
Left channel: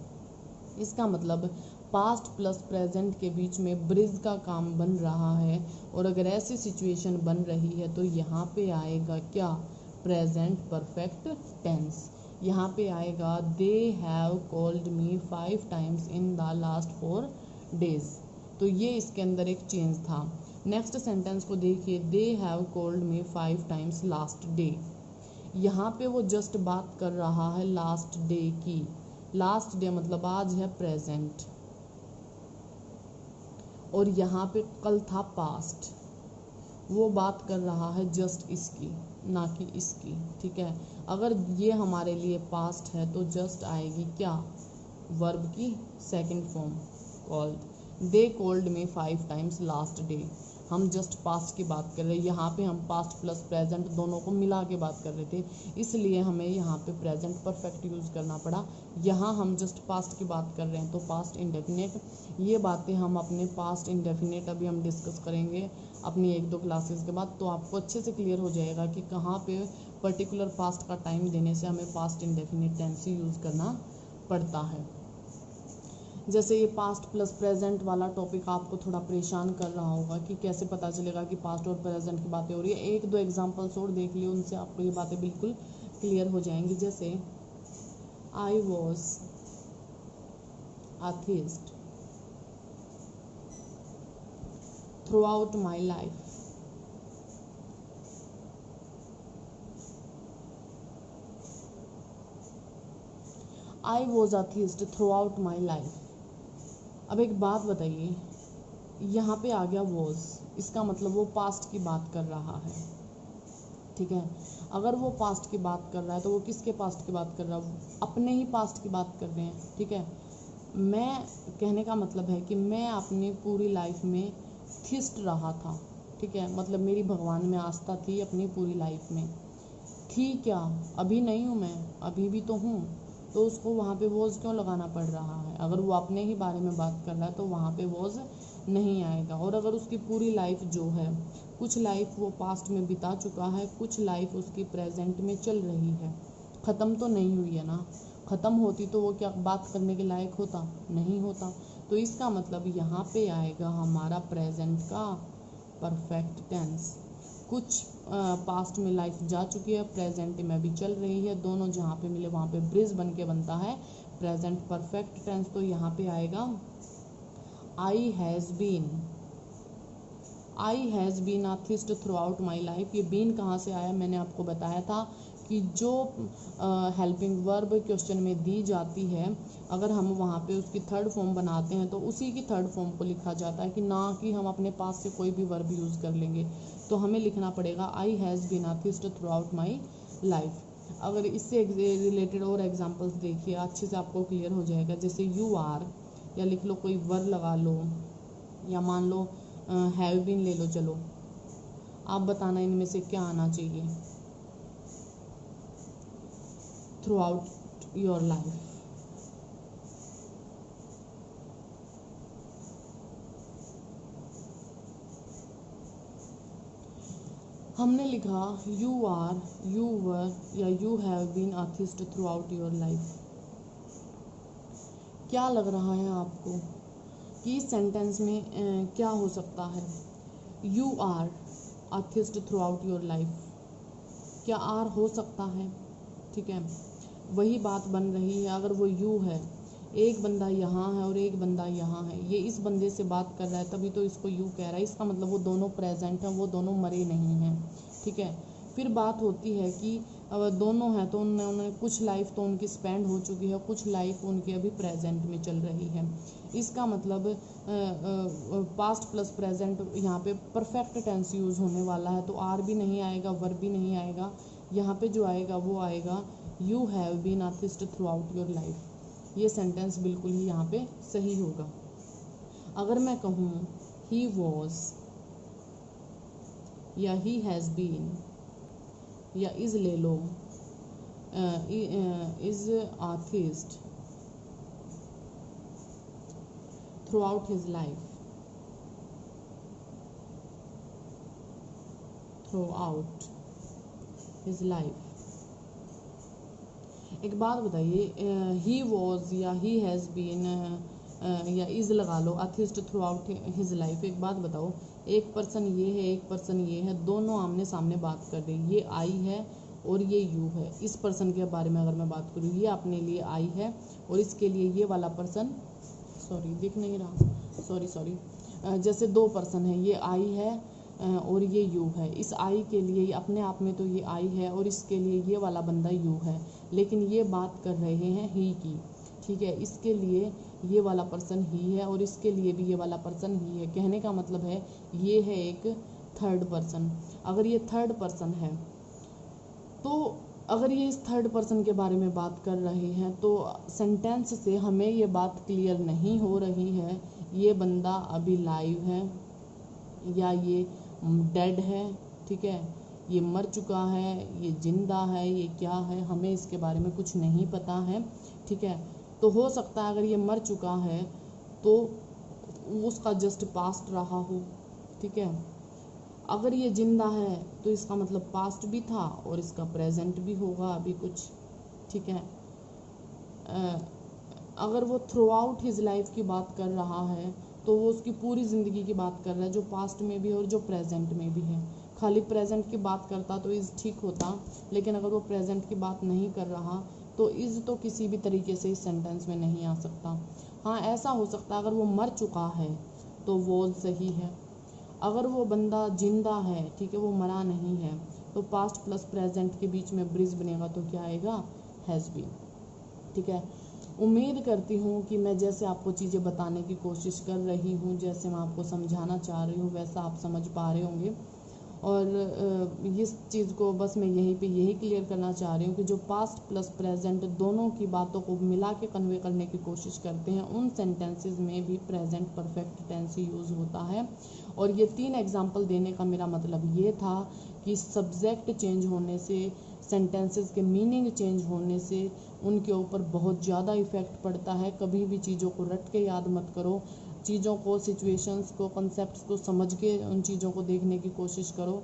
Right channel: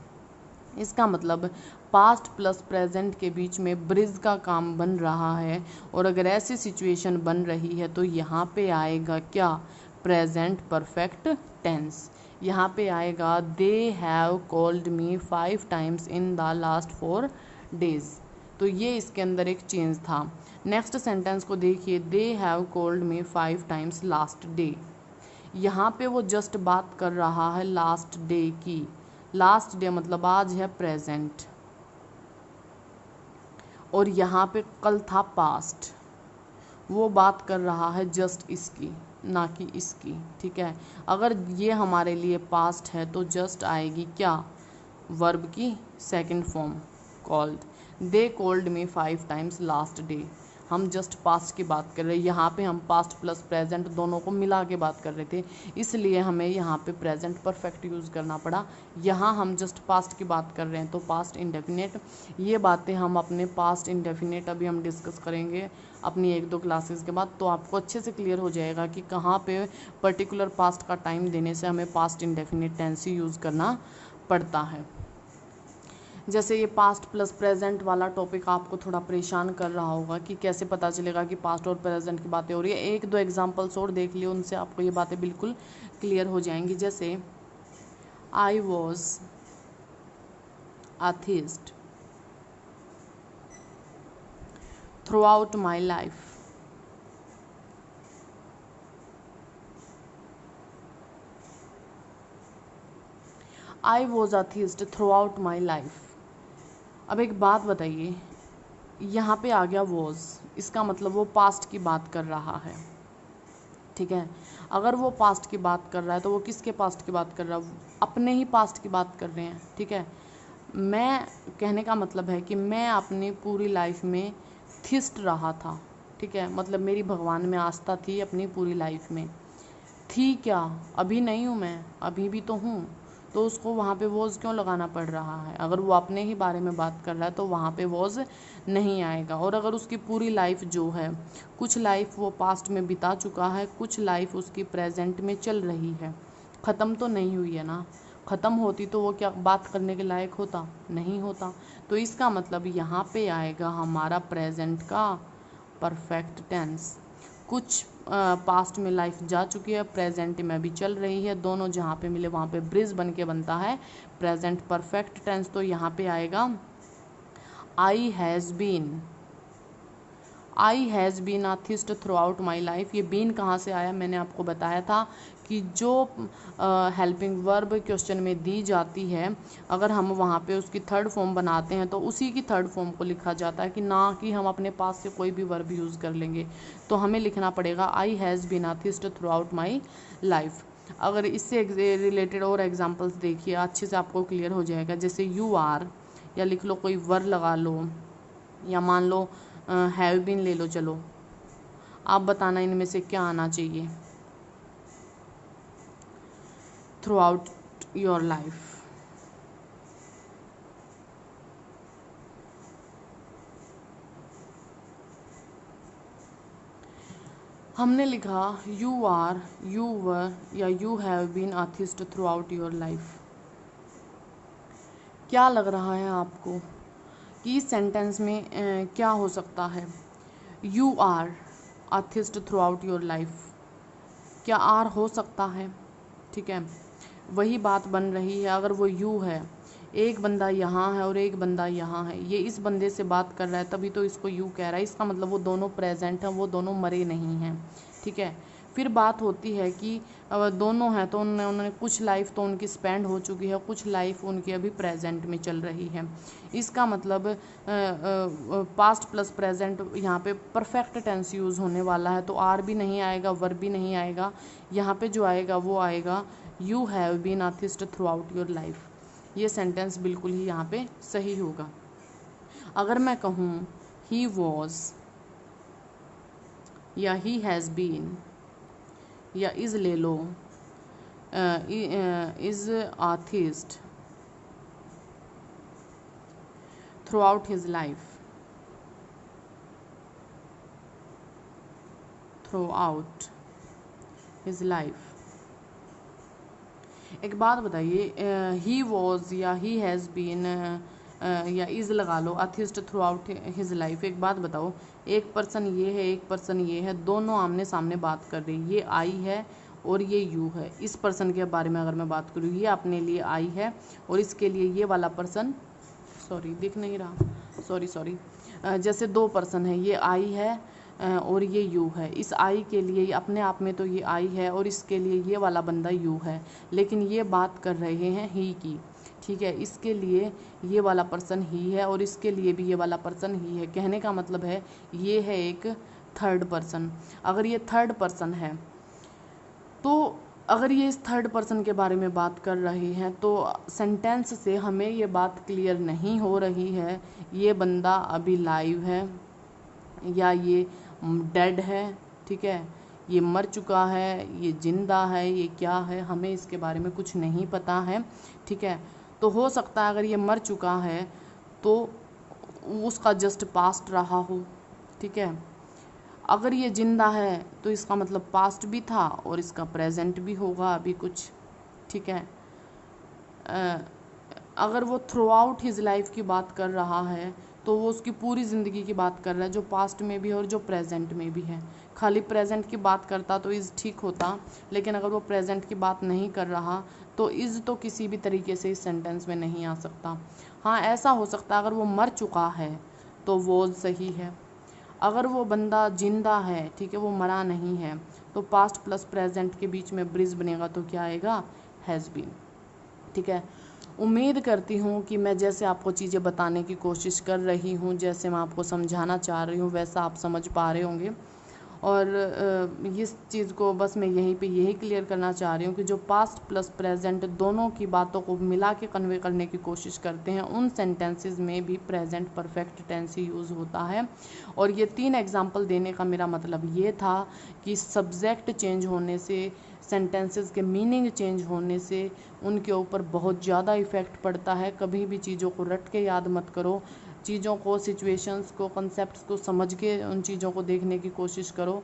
इसका मतलब पास्ट प्लस प्रेजेंट के बीच में ब्रिज का काम बन रहा है। और अगर ऐसी सिचुएशन बन रही है तो यहाँ पे आएगा क्या, प्रेजेंट परफेक्ट टेंस। यहाँ पे आएगा they have called me 5 times in the last 4 days। तो ये इसके अंदर एक चेंज था। नेक्स्ट सेंटेंस को देखिए, they have called me 5 times last day. यहाँ पे वो जस्ट बात कर रहा है लास्ट डे की। लास्ट डे मतलब आज है प्रेजेंट, और यहाँ पे कल था पास्ट। वो बात कर रहा है जस्ट इसकी, ना कि इसकी। ठीक है, अगर ये हमारे लिए पास्ट है तो जस्ट आएगी क्या, वर्ब की second form called. They called me 5 times last day. हम जस्ट पास्ट की बात कर रहे हैं, यहाँ पे हम पास्ट प्लस प्रेजेंट दोनों को मिला के बात कर रहे थे, इसलिए हमें यहाँ पे प्रेजेंट परफेक्ट यूज़ करना पड़ा। यहाँ हम जस्ट पास्ट की बात कर रहे हैं तो पास्ट इंडेफिनिट। ये बातें हम अपने पास्ट इंडेफिनिट अभी हम डिस्कस करेंगे अपनी 1-2 क्लासेस के बाद, तो आपको अच्छे से क्लियर हो जाएगा कि कहाँ पे पर्टिकुलर पास्ट का टाइम देने से हमें पास्ट इंडेफिनिट टेंस ही यूज़ करना पड़ता है। जैसे ये पास्ट प्लस प्रेजेंट वाला टॉपिक आपको थोड़ा परेशान कर रहा होगा कि कैसे पता चलेगा कि पास्ट और प्रेजेंट की बातें हो रही है। 1-2 एग्जांपल्स और देख लियो, उनसे आपको ये बातें बिल्कुल क्लियर हो जाएंगी। जैसे I was atheist throughout my life। I was atheist throughout my life। अब एक बात बताइए, यहाँ पे आ गया वॉज, इसका मतलब वो पास्ट की बात कर रहा है। ठीक है, अगर वो पास्ट की बात कर रहा है तो वो किसके पास्ट की बात कर रहा है, अपने ही पास्ट की बात कर रहे हैं। ठीक है, मैं कहने का मतलब है कि मैं अपनी पूरी लाइफ में थिस्ट रहा था। ठीक है, मतलब मेरी भगवान में आस्था थी अपनी पूरी लाइफ में। थी क्या, अभी नहीं हूँ मैं, अभी भी तो हूँ, तो उसको वहाँ पे वॉज क्यों लगाना पड़ रहा है। अगर वो अपने ही बारे में बात कर रहा है तो वहाँ पे वॉज नहीं आएगा। और अगर उसकी पूरी लाइफ जो है, कुछ लाइफ वो पास्ट में बिता चुका है, कुछ लाइफ उसकी प्रेजेंट में चल रही है, ख़त्म तो नहीं हुई है ना। ख़त्म होती तो वो क्या बात करने के लायक होता, नहीं होता। तो इसका मतलब यहाँ पे आएगा हमारा प्रेजेंट का परफेक्ट टेंस। कुछ पास्ट में लाइफ जा चुकी है, प्रेजेंट में भी चल रही है, दोनों जहाँ पे मिले वहाँ पे ब्रिज बन के बनता है प्रेजेंट परफेक्ट टेंस। तो यहाँ पे आएगा I has been a theist throughout my life. ये बीन कहाँ से आया, मैंने आपको बताया था कि जो हेल्पिंग वर्ब क्वेश्चन में दी जाती है, अगर हम वहाँ पे उसकी थर्ड फॉर्म बनाते हैं तो उसी की थर्ड फॉर्म को लिखा जाता है, कि ना कि हम अपने पास से कोई भी वर्ब यूज़ कर लेंगे। तो हमें लिखना पड़ेगा I has been a theist throughout my life. अगर इससे रिलेटेड और एग्जांपल्स देखिए, अच्छे से आपको क्लियर हो जाएगा। जैसे यू आर, या लिख लो, कोई वर्ड लगा लो, या मान लो हैव बीन ले लो। चलो आप बताना इनमें से क्या आना चाहिए थ्रू आउट योर लाइफ। हमने लिखा यू आर, यू वर, या you have been a theist throughout your life. क्या लग रहा है आपको कि इस सेंटेंस में क्या हो सकता है? You are a theist throughout your life, क्या आर हो सकता है? ठीक है, वही बात बन रही है। अगर वो यू है, एक बंदा यहाँ है और एक बंदा यहाँ है, ये इस बंदे से बात कर रहा है तभी तो इसको यू कह रहा है, इसका मतलब वो दोनों प्रेजेंट हैं, वो दोनों मरे नहीं हैं। ठीक है, फिर बात होती है कि दोनों हैं तो उन्होंने कुछ लाइफ तो उनकी स्पेंड हो चुकी है, कुछ लाइफ उनकी अभी प्रेजेंट में चल रही है। इसका मतलब पास्ट प्लस प्रेजेंट यहाँ पे परफेक्ट टेंस यूज़ होने वाला है, तो आर भी नहीं आएगा, वर्ब भी नहीं आएगा। यहाँ पे जो आएगा वो आएगा you have been a theist throughout your life. ये सेंटेंस बिल्कुल ही यहाँ पे सही होगा। अगर मैं कहूँ ही वॉज, या ही हैज़ बीन, या इज़ ले लो, is a theist throughout his life, throughout his life. एक बात बताइए, ही वॉज या ही हैज़ बीन या इज़ लगा लो, atheist throughout his life. एक बात बताओ, एक पर्सन ये है, एक पर्सन ये है, दोनों आमने सामने बात कर रही, ये आई है और ये यू है। इस पर्सन के बारे में अगर मैं बात करूँ, ये अपने लिए आई है और इसके लिए ये वाला पर्सन, सॉरी दिख नहीं रहा, सॉरी, जैसे दो पर्सन है, ये आई है और ये यू है। इस आई के लिए अपने आप में तो ये आई है और इसके लिए ये वाला बंदा यू है, लेकिन ये बात कर रहे हैं ही की। ठीक है, इसके लिए ये वाला पर्सन ही है और इसके लिए भी ये वाला पर्सन ही है। कहने का मतलब है ये है एक थर्ड पर्सन। अगर ये थर्ड पर्सन है, तो अगर ये इस थर्ड पर्सन के बारे में बात कर रहे हैं तो सेंटेंस से हमें ये बात क्लियर नहीं हो रही है ये बंदा अभी लाइव है या ये डेड है। ठीक है, ये मर चुका है, ये जिंदा है, ये क्या है, हमें इसके बारे में कुछ नहीं पता है। ठीक है, तो हो सकता है अगर ये मर चुका है तो उसका जस्ट पास्ट रहा हो। ठीक है, अगर ये जिंदा है तो इसका मतलब पास्ट भी था और इसका प्रेजेंट भी होगा अभी कुछ। ठीक है, अगर वो थ्रू आउट हिज लाइफ की बात कर रहा है तो वो उसकी पूरी ज़िंदगी की बात कर रहा है, जो पास्ट में भी है और जो प्रेजेंट में भी है। खाली प्रेजेंट की बात करता तो इज़ ठीक होता, लेकिन अगर वो प्रेजेंट की बात नहीं कर रहा तो इज़ तो किसी भी तरीके से इस सेंटेंस में नहीं आ सकता। हाँ, ऐसा हो सकता है अगर वो मर चुका है तो वो सही है। अगर वो बंदा जिंदा है, ठीक है, वो मरा नहीं है, तो पास्ट प्लस प्रेजेंट के बीच में ब्रिज बनेगा तो क्या आएगा? Has been. ठीक है, उम्मीद करती हूँ कि मैं जैसे आपको चीज़ें बताने की कोशिश कर रही हूँ, जैसे मैं आपको समझाना चाह रही हूँ, वैसा आप समझ पा रहे होंगे। और इस चीज़ को बस मैं यहीं पे यही क्लियर करना चाह रही हूँ कि जो पास्ट प्लस प्रेजेंट दोनों की बातों को मिला के कन्वे करने की कोशिश करते हैं, उन सेंटेंसेस में भी प्रेजेंट परफेक्ट टेंस ही यूज़ होता है। और ये 3 एग्जाम्पल देने का मेरा मतलब ये था कि सब्जेक्ट चेंज होने से, सेंटेंसेस के मीनिंग चेंज होने से उनके ऊपर बहुत ज़्यादा इफ़ेक्ट पड़ता है। कभी भी चीज़ों को रट के याद मत करो, चीज़ों को, सिचुएशंस को, कॉन्सेप्ट्स को समझ के उन चीज़ों को देखने की कोशिश करो।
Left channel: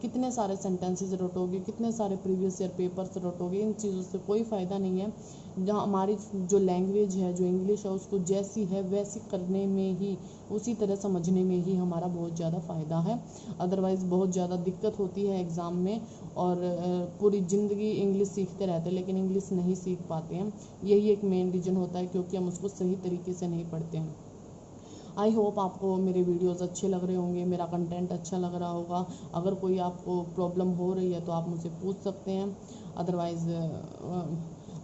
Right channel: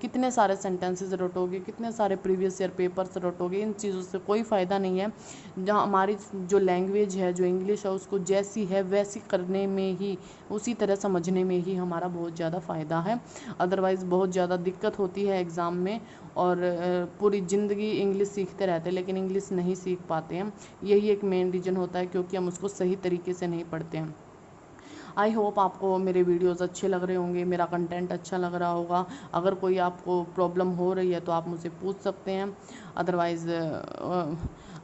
कितने सारे सेंटेंसेस रटोगे, कितने सारे प्रीवियस ईयर पेपर्स रटोगे, इन चीज़ों से कोई फ़ायदा नहीं है। जहाँ हमारी जो लैंग्वेज है, जो इंग्लिश है, उसको जैसी है वैसी करने में ही, उसी तरह समझने में ही हमारा बहुत ज़्यादा फ़ायदा है। अदरवाइज़ बहुत ज़्यादा दिक्कत होती है एग्ज़ाम में, और पूरी ज़िंदगी इंग्लिश सीखते रहते हैं लेकिन इंग्लिश नहीं सीख पाते हैं। यही एक मेन रीज़न होता है, क्योंकि हम उसको सही तरीके से नहीं पढ़ते हैं। आई होप आपको मेरे वीडियोस अच्छे लग रहे होंगे, मेरा कंटेंट अच्छा लग रहा होगा। अगर कोई आपको प्रॉब्लम हो रही है तो आप मुझसे पूछ सकते हैं। अदरवाइज़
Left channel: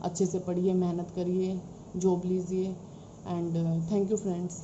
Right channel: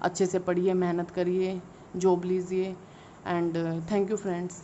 अच्छे से पढ़िए, मेहनत करिए, जॉब लीजिए। And thank you friends.